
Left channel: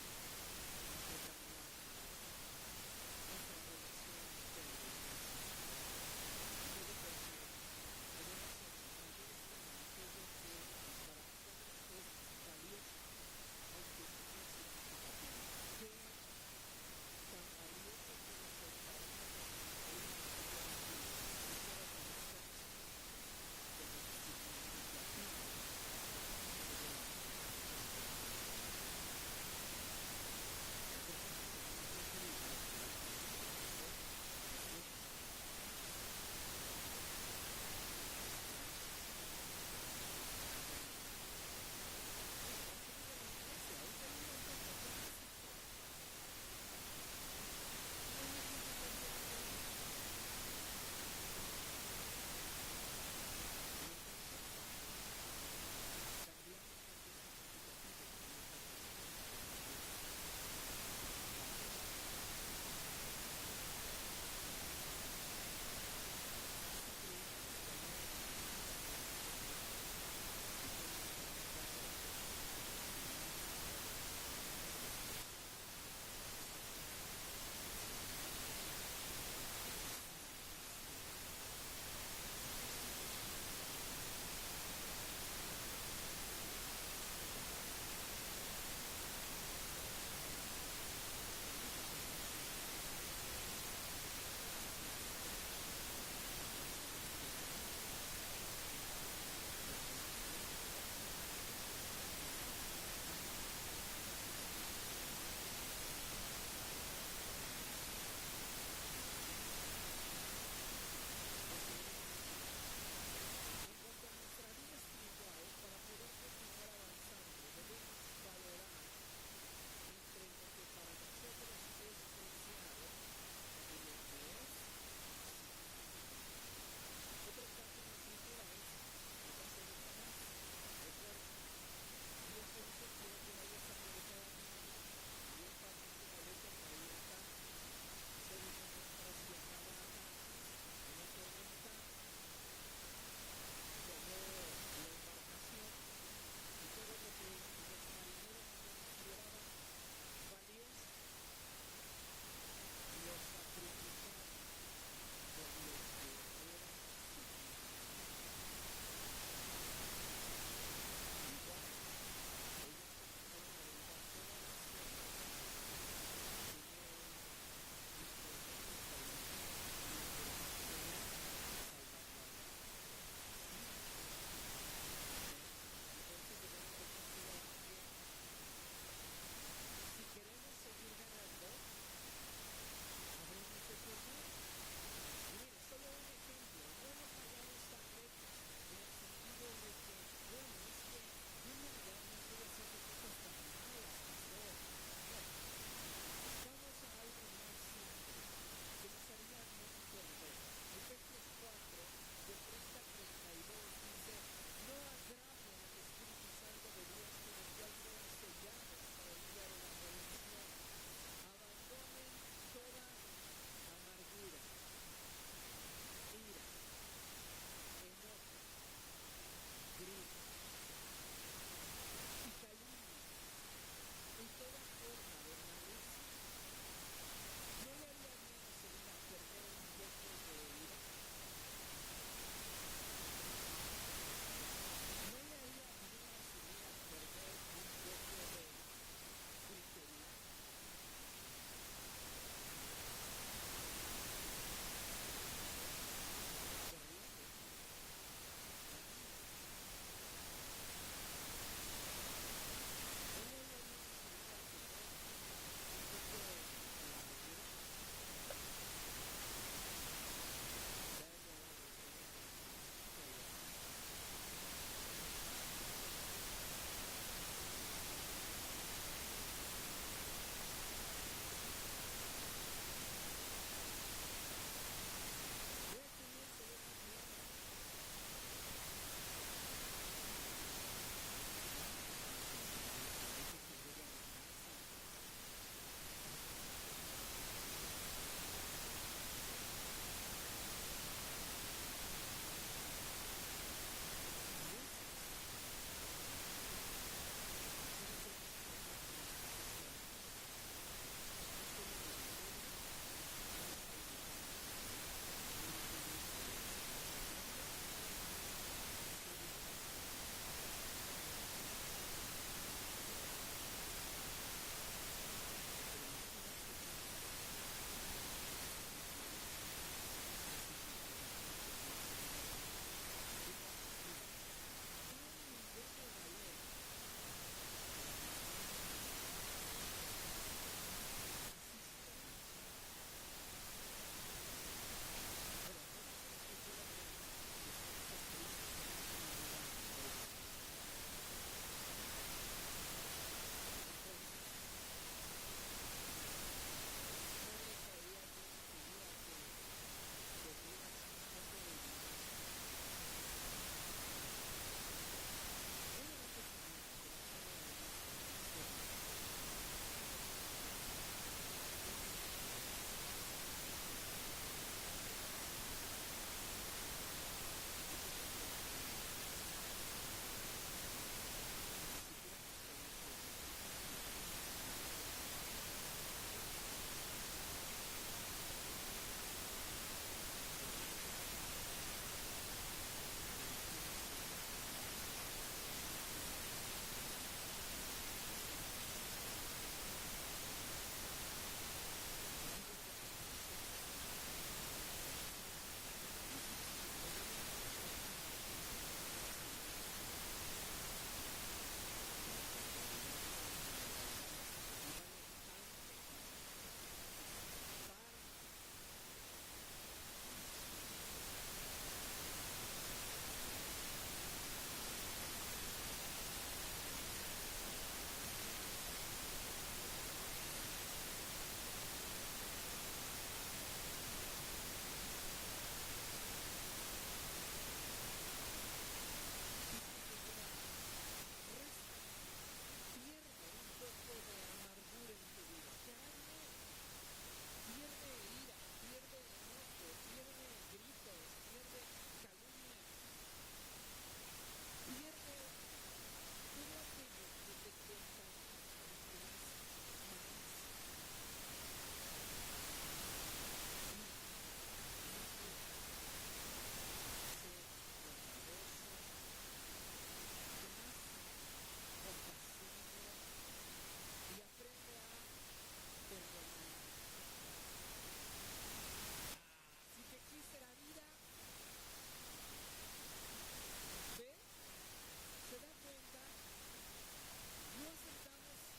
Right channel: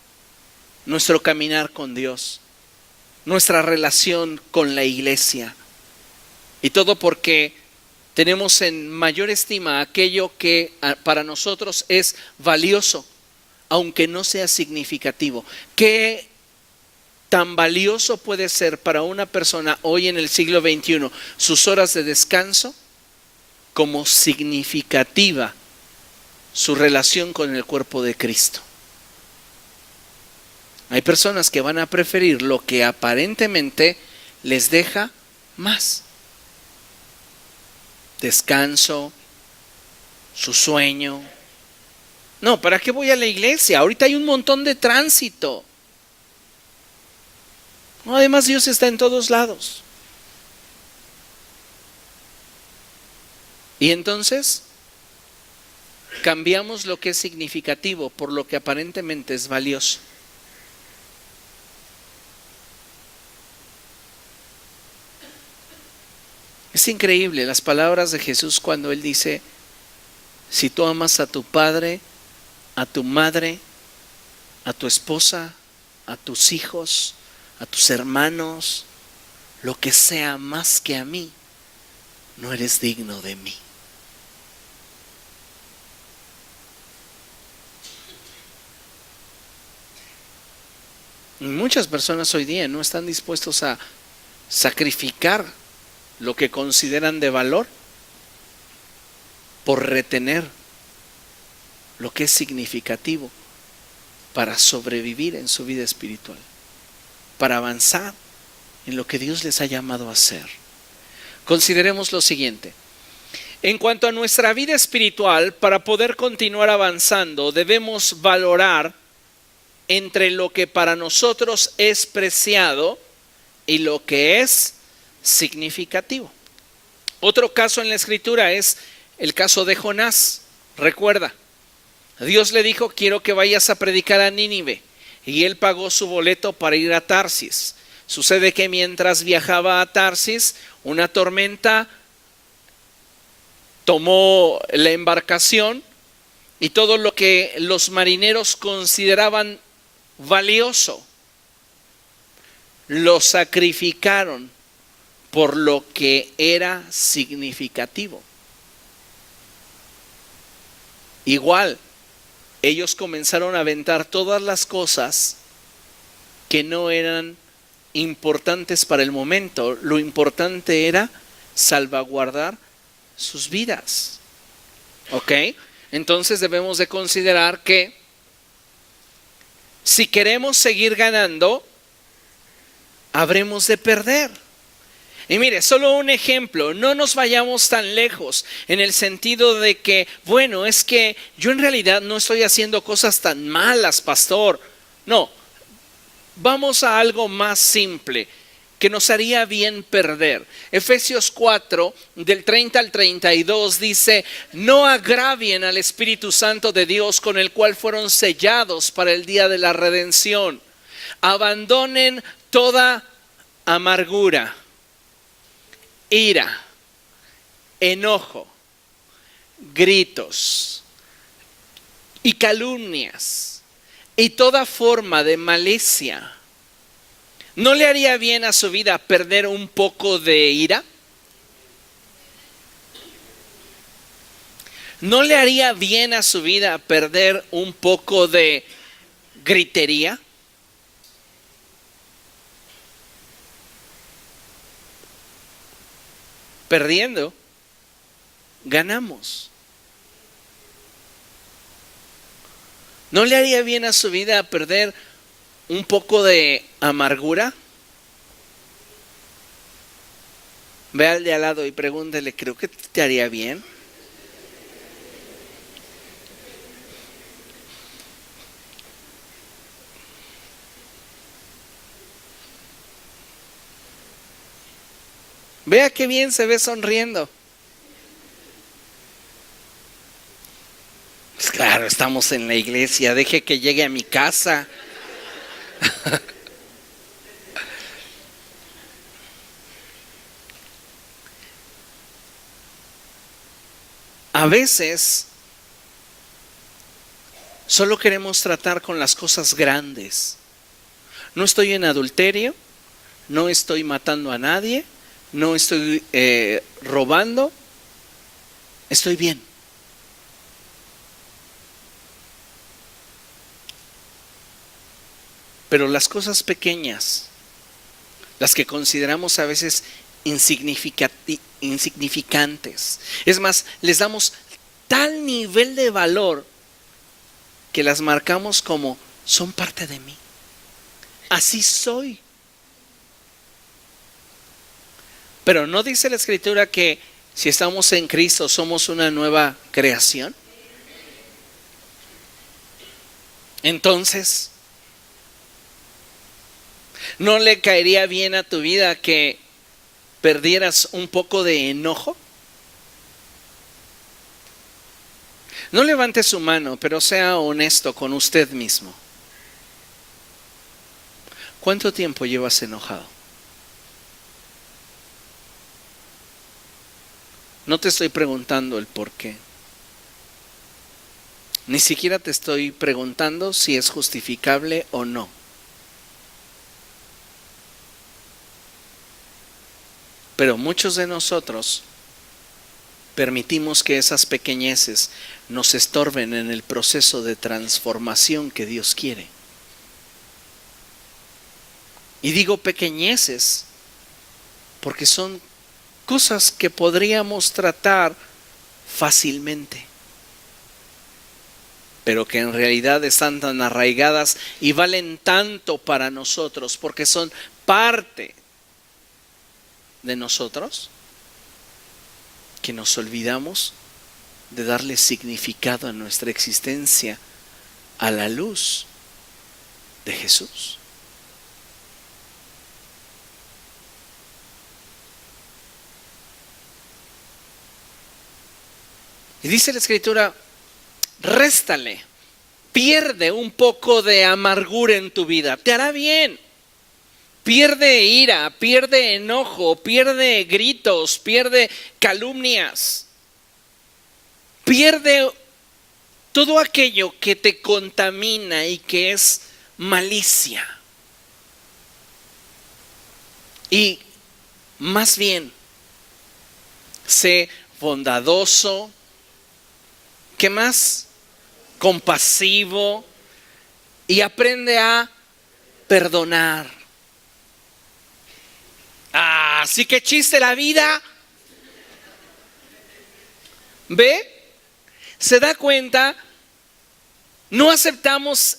nuestro caminar con Dios, nuestra relación con la iglesia. Y todo porque tenemos en mayor estima aquello que para nosotros es valioso, aunque no sea significativo. ¿Qué tan valioso puede ser para una persona hoy en el siglo XXI sus horas de descanso, como significativa su relación con el cuerpo de Cristo? Hay personas que van a preferir lo que aparentemente les deja más: descanso, su sueño. No, ¿para qué voy a la iglesia? Ahorita hay un montón de tránsito. No, además Dios está en todos lados. Y entonces cambiamos lo que es significativo por lo que aparentemente es valioso. Es increíble las palabras de Jesús cuando Él dice: si tú amas a tu padre, a tu madre, a tu esposa, a tus hijos, a tus hermanos, lo que sea más que a mí, no eres digno de mí. Y muchas personas hoy día no están dispuestos a sacrificar lo que consideran de valor por retener lo que es significativo para sobrevivir en su vida espiritual, para avanzar en lo que Dios les ha llamado a hacer. Consideremos lo siguiente: en cuanto a nuestra vida espiritual, para poder continuar avanzando, debemos valorar entre lo que para nosotros es preciado y lo que es significativo. Otro caso en la Escritura es el caso de Jonás. Recuerda, Dios le dijo: quiero que vayas a predicar a Nínive, y él pagó su boleto para ir a Tarsis. Sucede que mientras viajaba a Tarsis, una tormenta tomó la embarcación y todo lo que los marineros consideraban valioso lo sacrificaron por lo que era significativo. Igual, ellos comenzaron a aventar todas las cosas que no eran importantes para el momento. Lo importante era salvaguardar sus vidas. ¿Ok? Entonces debemos de considerar que si queremos seguir ganando, habremos de perder. Y mire, solo un ejemplo, no nos vayamos tan lejos en el sentido de que, bueno, es que yo en realidad no estoy haciendo cosas tan malas, pastor. No, vamos a algo más simple que nos haría bien perder. Efesios 4, del 30 al 32 dice: no agravien al Espíritu Santo de Dios, con el cual fueron sellados para el día de la redención. Abandonen toda amargura, ira, enojo, gritos y calumnias y toda forma de malicia. ¿No le haría bien a su vida perder un poco de ira? ¿No le haría bien a su vida perder un poco de gritería? Perdiendo, ganamos. ¿No le haría bien a su vida perder un poco de amargura? Ve al de al lado y pregúntele: ¿creo que te haría bien? Vea qué bien se ve sonriendo. Pues claro, estamos en la iglesia, deje que llegue a mi casa. A veces solo queremos tratar con las cosas grandes. No estoy en adulterio, no estoy matando a nadie, no estoy robando, estoy bien. Pero las cosas pequeñas, las que consideramos a veces insignificantes, es más, les damos tal nivel de valor que las marcamos como son parte de mí. Así soy. Pero ¿no dice la Escritura que si estamos en Cristo somos una nueva creación? Entonces, ¿no le caería bien a tu vida que perdieras un poco de enojo? No levante su mano, pero sea honesto con usted mismo. ¿Cuánto tiempo llevas enojado? No te estoy preguntando el por qué. Ni siquiera te estoy preguntando si es justificable o no. Pero muchos de nosotros permitimos que esas pequeñeces nos estorben en el proceso de transformación que Dios quiere. Y digo pequeñeces porque son cosas que podríamos tratar fácilmente, pero que en realidad están tan arraigadas y valen tanto para nosotros porque son parte de nosotros, que nos olvidamos de darle significado a nuestra existencia a la luz de Jesús. Y dice la Escritura, réstale, pierde un poco de amargura en tu vida, te hará bien. Pierde ira, pierde enojo, pierde gritos, pierde calumnias. Pierde todo aquello que te contamina y que es malicia. Y más bien, sé bondadoso. ¿Qué más? Compasivo. Y aprende a perdonar. Así que chiste la vida. ¿Ve? ¿Se da cuenta? No aceptamos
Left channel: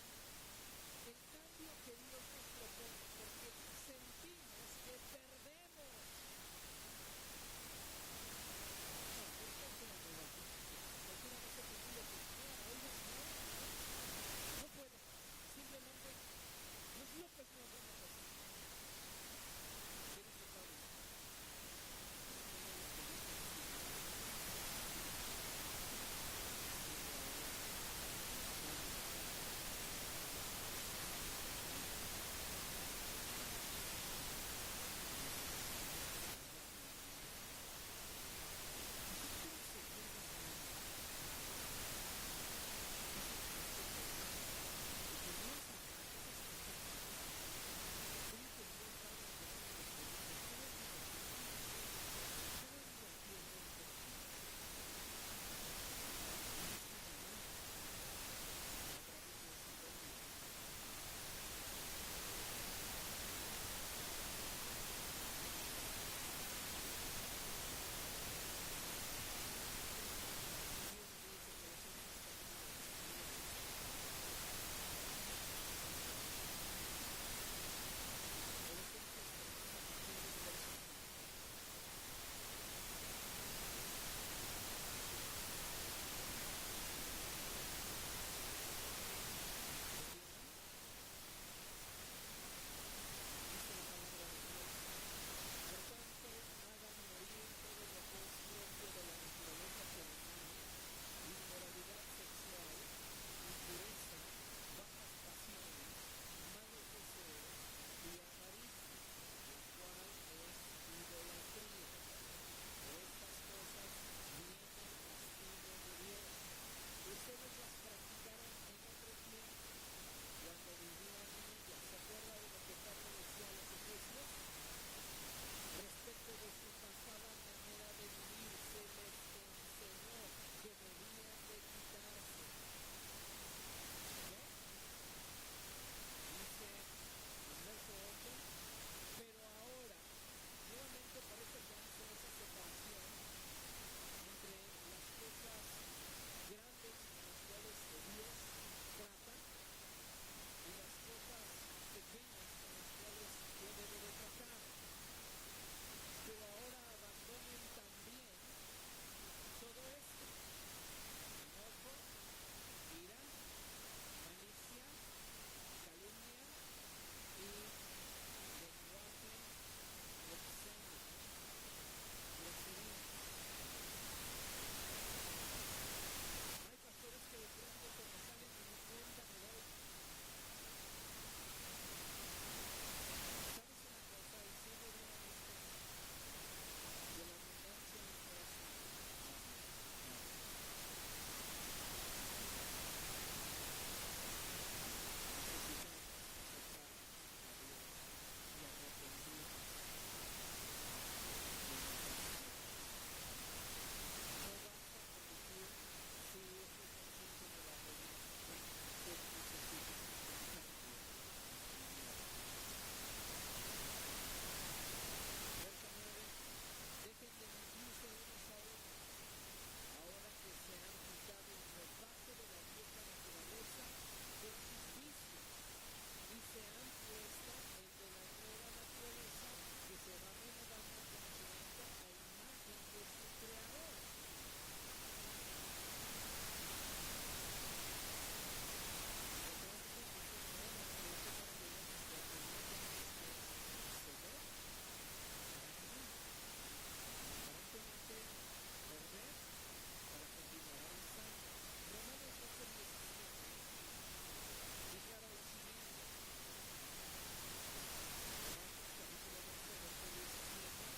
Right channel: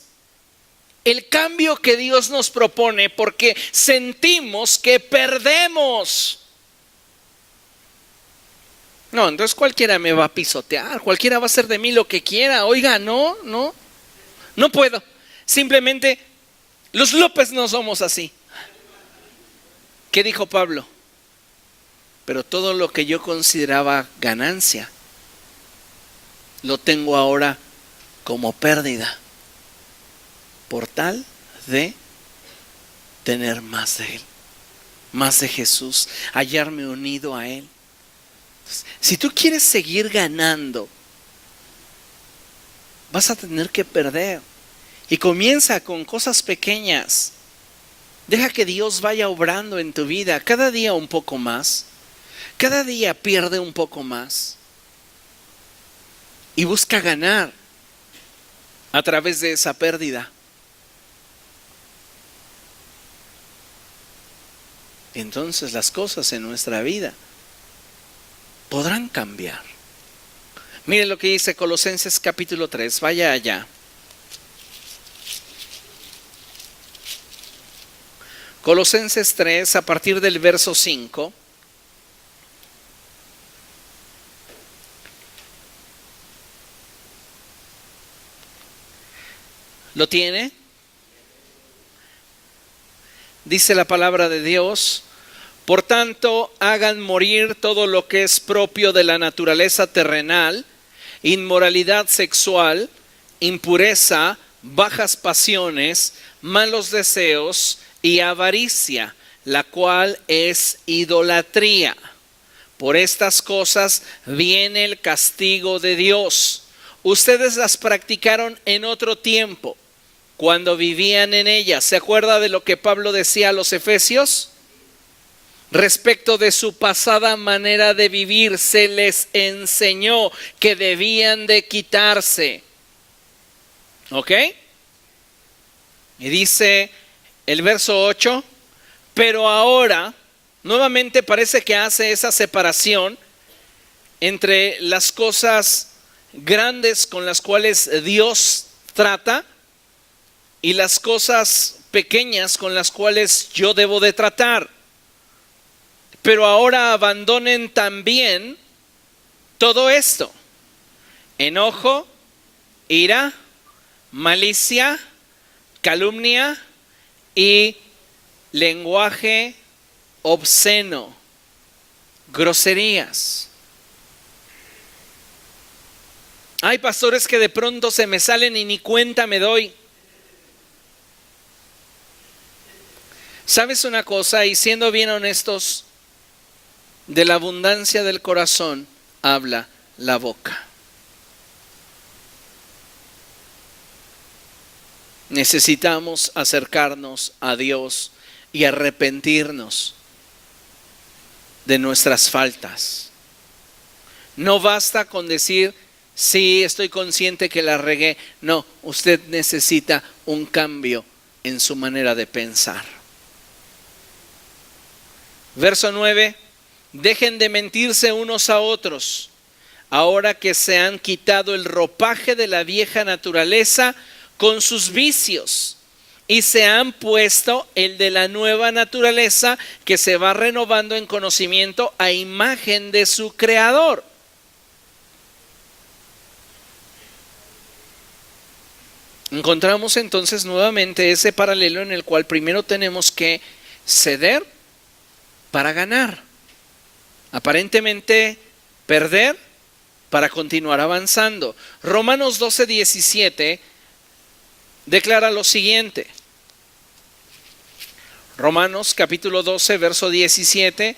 el cambio que Dios nos propone porque sentimos que perdemos. No, entonces cualquiera me va a pisotear, cualquiera va a hacer de mí lo que quiera. Oiga, no puedo. Simplemente los López no somos así. ¿Qué dijo Pablo? Pero todo lo que yo consideraba ganancia, lo tengo ahora como pérdida, por tal de tener más de Él, más de Jesús, hallarme unido a Él. Si tú quieres seguir ganando, vas a tener que perder. Y comienza con cosas pequeñas. Deja que Dios vaya obrando en tu vida cada día un poco más. Cada día pierde un poco más. Y busca ganar a través de esa pérdida. Y entonces las cosas en nuestra vida podrán cambiar. Miren lo que dice Colosenses capítulo 3. Vaya allá. Colosenses 3, a partir del verso 5. ¿Lo tiene? Dice la palabra de Dios: por tanto, hagan morir todo lo que es propio de la naturaleza terrenal, inmoralidad sexual, impureza, bajas pasiones, malos deseos y avaricia, la cual es idolatría. Por estas cosas viene el castigo de Dios. Ustedes las practicaron en otro tiempo, cuando vivían en ellas. ¿Se acuerda de lo que Pablo decía a los efesios? Respecto de su pasada manera de vivir, se les enseñó que debían de quitarse. ¿Ok? Y dice el verso 8, pero ahora, nuevamente parece que hace esa separación entre las cosas grandes con las cuales Dios trata y las cosas pequeñas con las cuales yo debo de tratar. Pero ahora abandonen también todo esto: enojo, ira, malicia, calumnia y lenguaje obsceno, groserías. Hay pastores que de pronto se me salen y ni cuenta me doy. ¿Sabes una cosa? Y siendo bien honestos, de la abundancia del corazón habla la boca. Necesitamos acercarnos a Dios y arrepentirnos de nuestras faltas. No basta con decir, sí, estoy consciente que la regué. No, usted necesita un cambio en su manera de pensar. Verso 9. Dejen de mentirse unos a otros, ahora que se han quitado el ropaje de la vieja naturaleza con sus vicios y se han puesto el de la nueva naturaleza que se va renovando en conocimiento a imagen de su Creador. Encontramos entonces nuevamente ese paralelo en el cual primero tenemos que ceder para ganar. Aparentemente perder para continuar avanzando. Romanos 12:17 declara lo siguiente. Romanos capítulo 12, verso 17.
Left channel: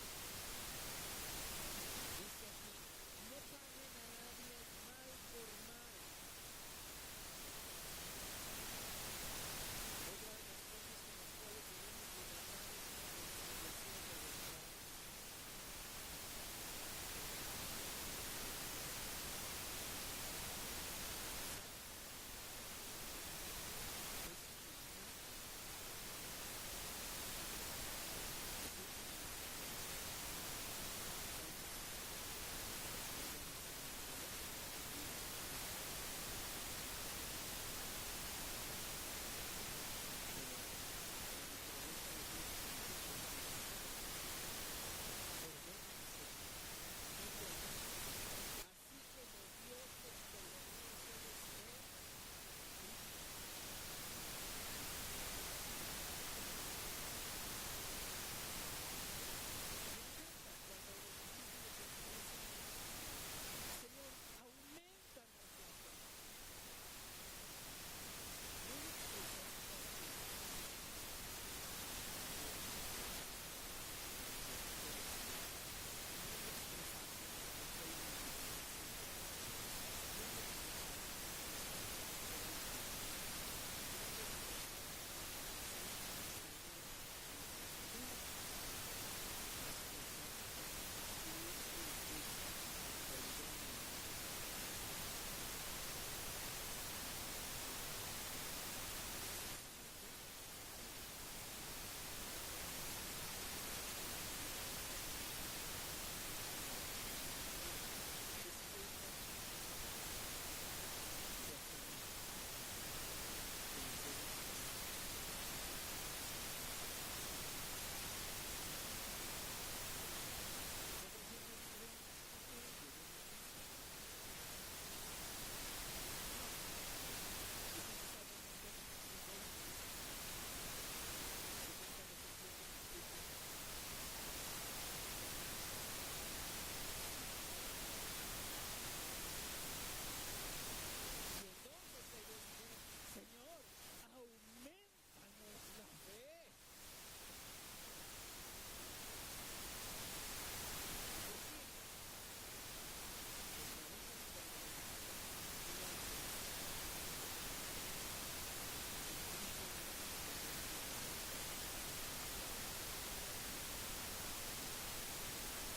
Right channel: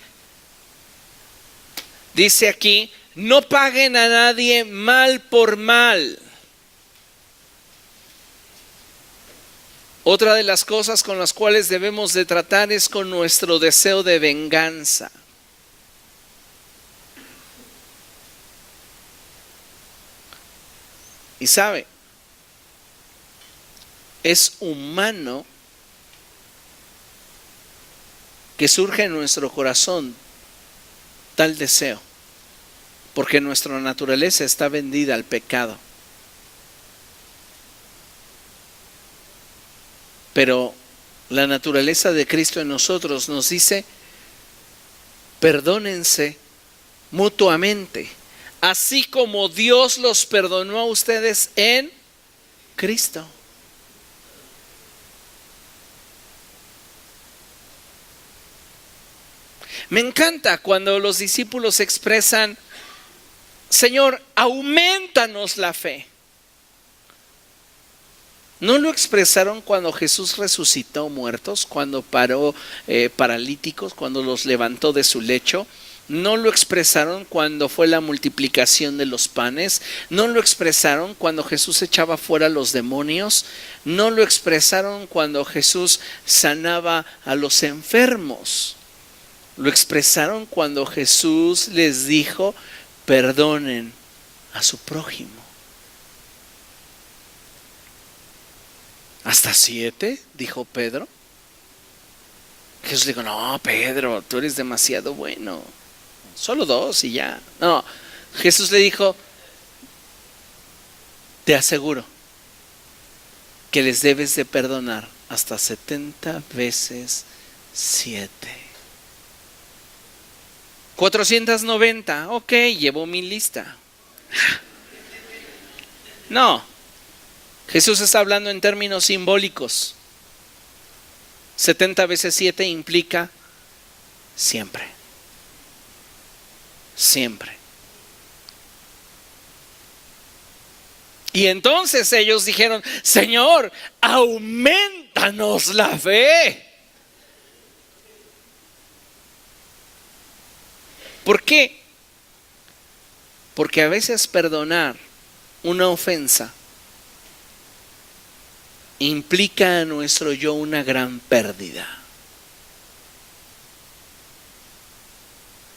Dice aquí, no paguen a nadie mal por mal. Otra de las cosas con las cuales debemos de tratar es con nuestro deseo de venganza. Y sabe, es humano que surge en nuestro corazón tal deseo, porque nuestra naturaleza está vendida al pecado. Pero la naturaleza de Cristo en nosotros nos dice, perdónense mutuamente, así como Dios los perdonó a ustedes en Cristo. Me encanta cuando los discípulos expresan, Señor, aumentanos la fe. ¿No lo expresaron cuando Jesús resucitó muertos, cuando paró paralíticos, cuando los levantó de su lecho? ¿No lo expresaron cuando fue la multiplicación de los panes? ¿No lo expresaron cuando Jesús echaba fuera a los demonios? ¿No lo expresaron cuando Jesús sanaba a los enfermos? Lo expresaron cuando Jesús les dijo, perdonen a su prójimo. ¿Hasta 7? Dijo Pedro. Jesús dijo, no, Pedro, tú eres demasiado bueno. Solo 2 y ya. No, Jesús le dijo, te aseguro que les debes de perdonar hasta 70 veces 7. 490, ok, llevo mi lista. No, Jesús está hablando en términos simbólicos. 70 veces 7 implica siempre. Siempre. Y entonces ellos dijeron, Señor, aumentanos la fe. ¿Por qué? Porque a veces perdonar una ofensa implica a nuestro yo una gran pérdida.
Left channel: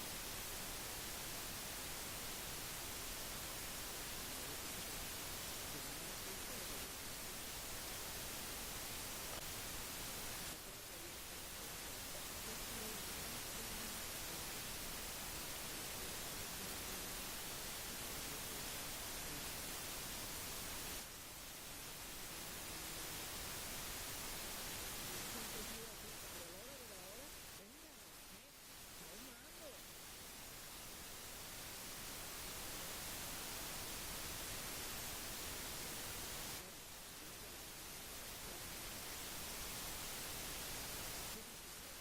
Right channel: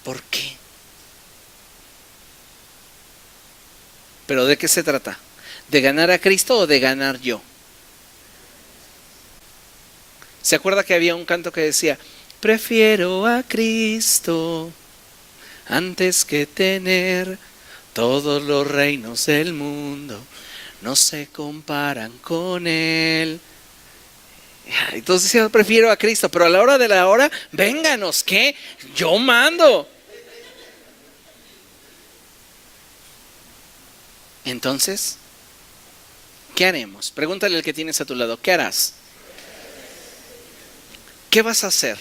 ¿Por qué? ¿Pero de qué se trata? ¿De ganar a Cristo o de ganar yo? ¿Se acuerda que había un canto que decía: prefiero a Cristo antes que tener todos los reinos del mundo? No se comparan con Él. Entonces yo prefiero a Cristo, pero a la hora de la hora, vénganos, ¿qué? Yo mando. Entonces, ¿qué haremos? Pregúntale al que tienes a tu lado, ¿qué harás? ¿Qué vas a hacer?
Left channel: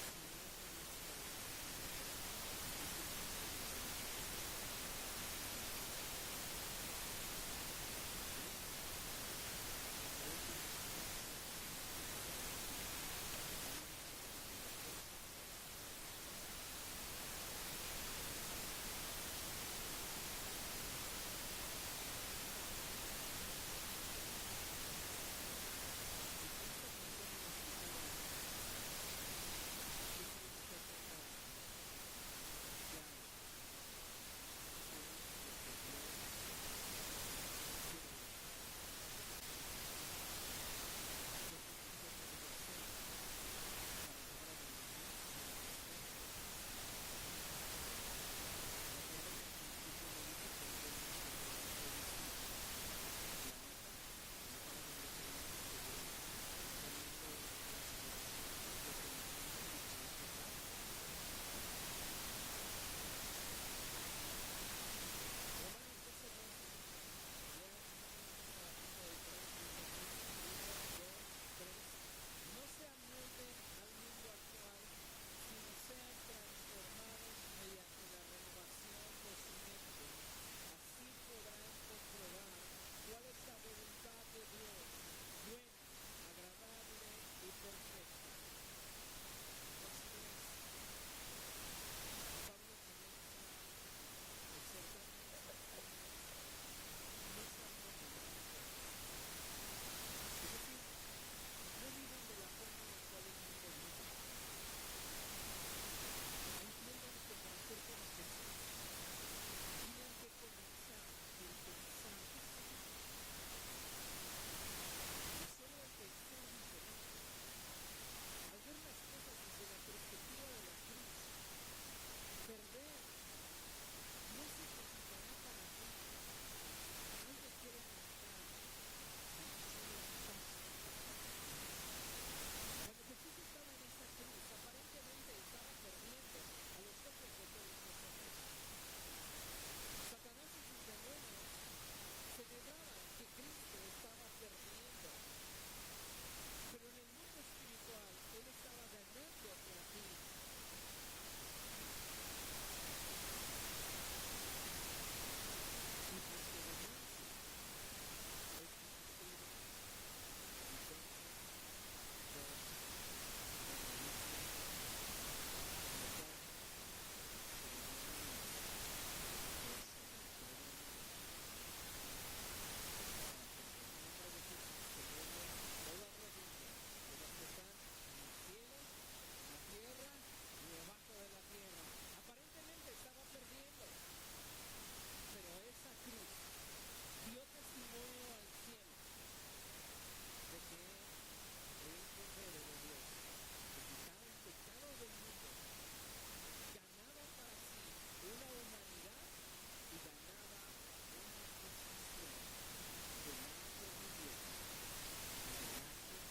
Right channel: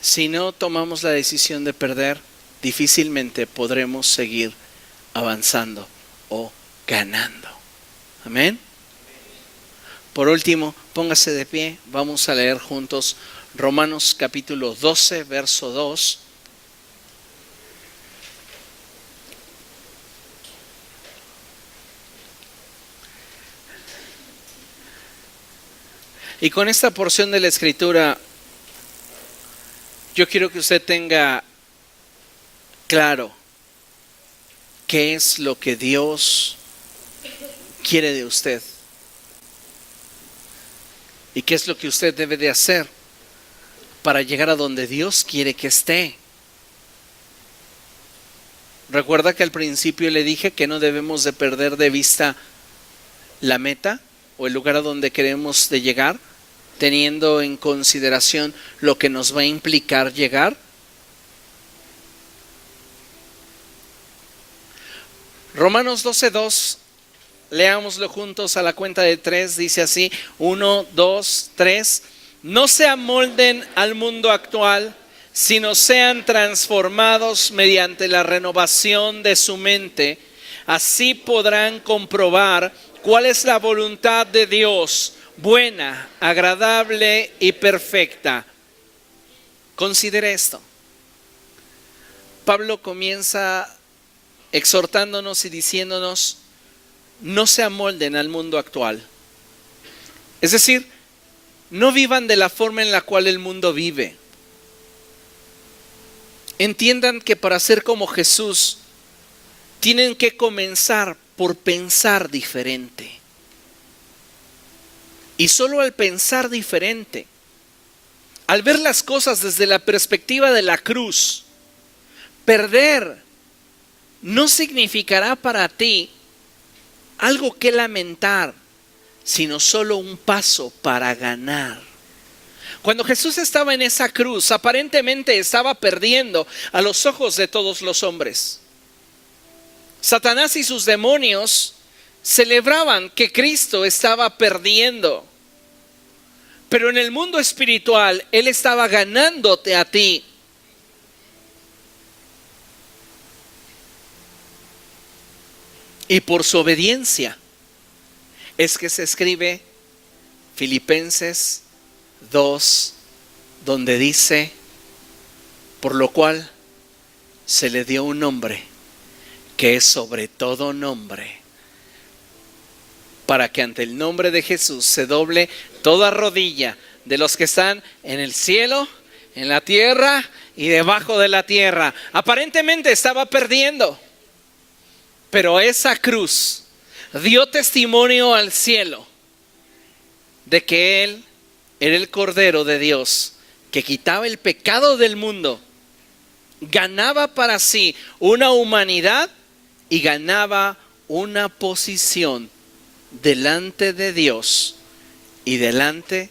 Si no tomamos la decisión de perder, difícilmente podremos seguir avanzando o ganando. Amén. Por último, póngase de pie, vamos a leer juntos Romanos capítulo 12, verso 2. Y con esta porción de la Escritura, yo quiero que usted tenga claro qué es lo que Dios quiere de usted y qué es lo que usted debe de hacer para llegar a donde Dios quiere que esté. Recuerda que al principio le dije que no debemos de perder de vista la meta o el lugar a donde queremos de llegar, teniendo en consideración lo que nos va a implicar llegar. Romanos 12:2, leámoslo juntos a la cuenta de 3, dice así: 1, 2, 3. No se amolden al mundo actual, sino sean transformados mediante la renovación de su mente. Así podrán comprobar cuál es la voluntad de Dios, buena, agradable y perfecta. Considere esto. Pablo comienza exhortándonos y diciéndonos: no se amolden al mundo actual. Es decir, no vivan de la forma en la cual el mundo vive. Entiendan que para ser como Jesús, tienen que comenzar por pensar diferente. Y solo al pensar diferente, al ver las cosas desde la perspectiva de la cruz, perder no significará para ti algo que lamentar, sino solo un paso para ganar. Cuando Jesús estaba en esa cruz, aparentemente estaba perdiendo a los ojos de todos los hombres. Satanás y sus demonios celebraban que Cristo estaba perdiendo. Pero en el mundo espiritual, Él estaba ganándote a ti. Y por su obediencia es que se escribe Filipenses 2, donde dice: por lo cual se le dio un nombre que es sobre todo nombre, para que ante el nombre de Jesús se doble toda rodilla de los que están en el cielo, en la tierra y debajo de la tierra. Aparentemente estaba perdiendo, pero esa cruz dio testimonio al cielo de que Él era el Cordero de Dios que quitaba el pecado del mundo, ganaba para sí una humanidad y ganaba una posición delante de Dios y delante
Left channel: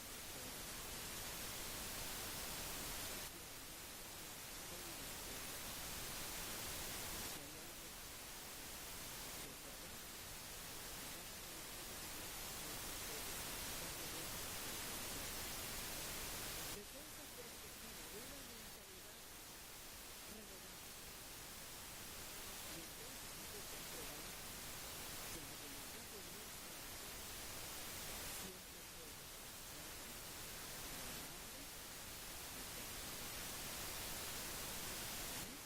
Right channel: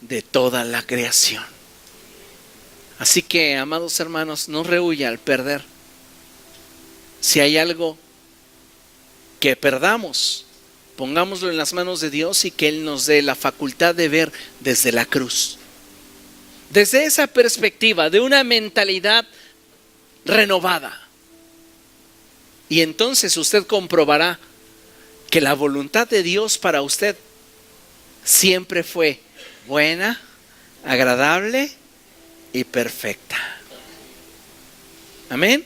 de toda la creación. Así que, amados hermanos, no rehuya al perder. Si hay algo que perdamos, pongámoslo en las manos de Dios y que Él nos dé la facultad de ver desde la cruz. Desde esa perspectiva de una mentalidad renovada. Y entonces usted comprobará que la voluntad de Dios para usted siempre fue buena, agradable y perfecta. Amén.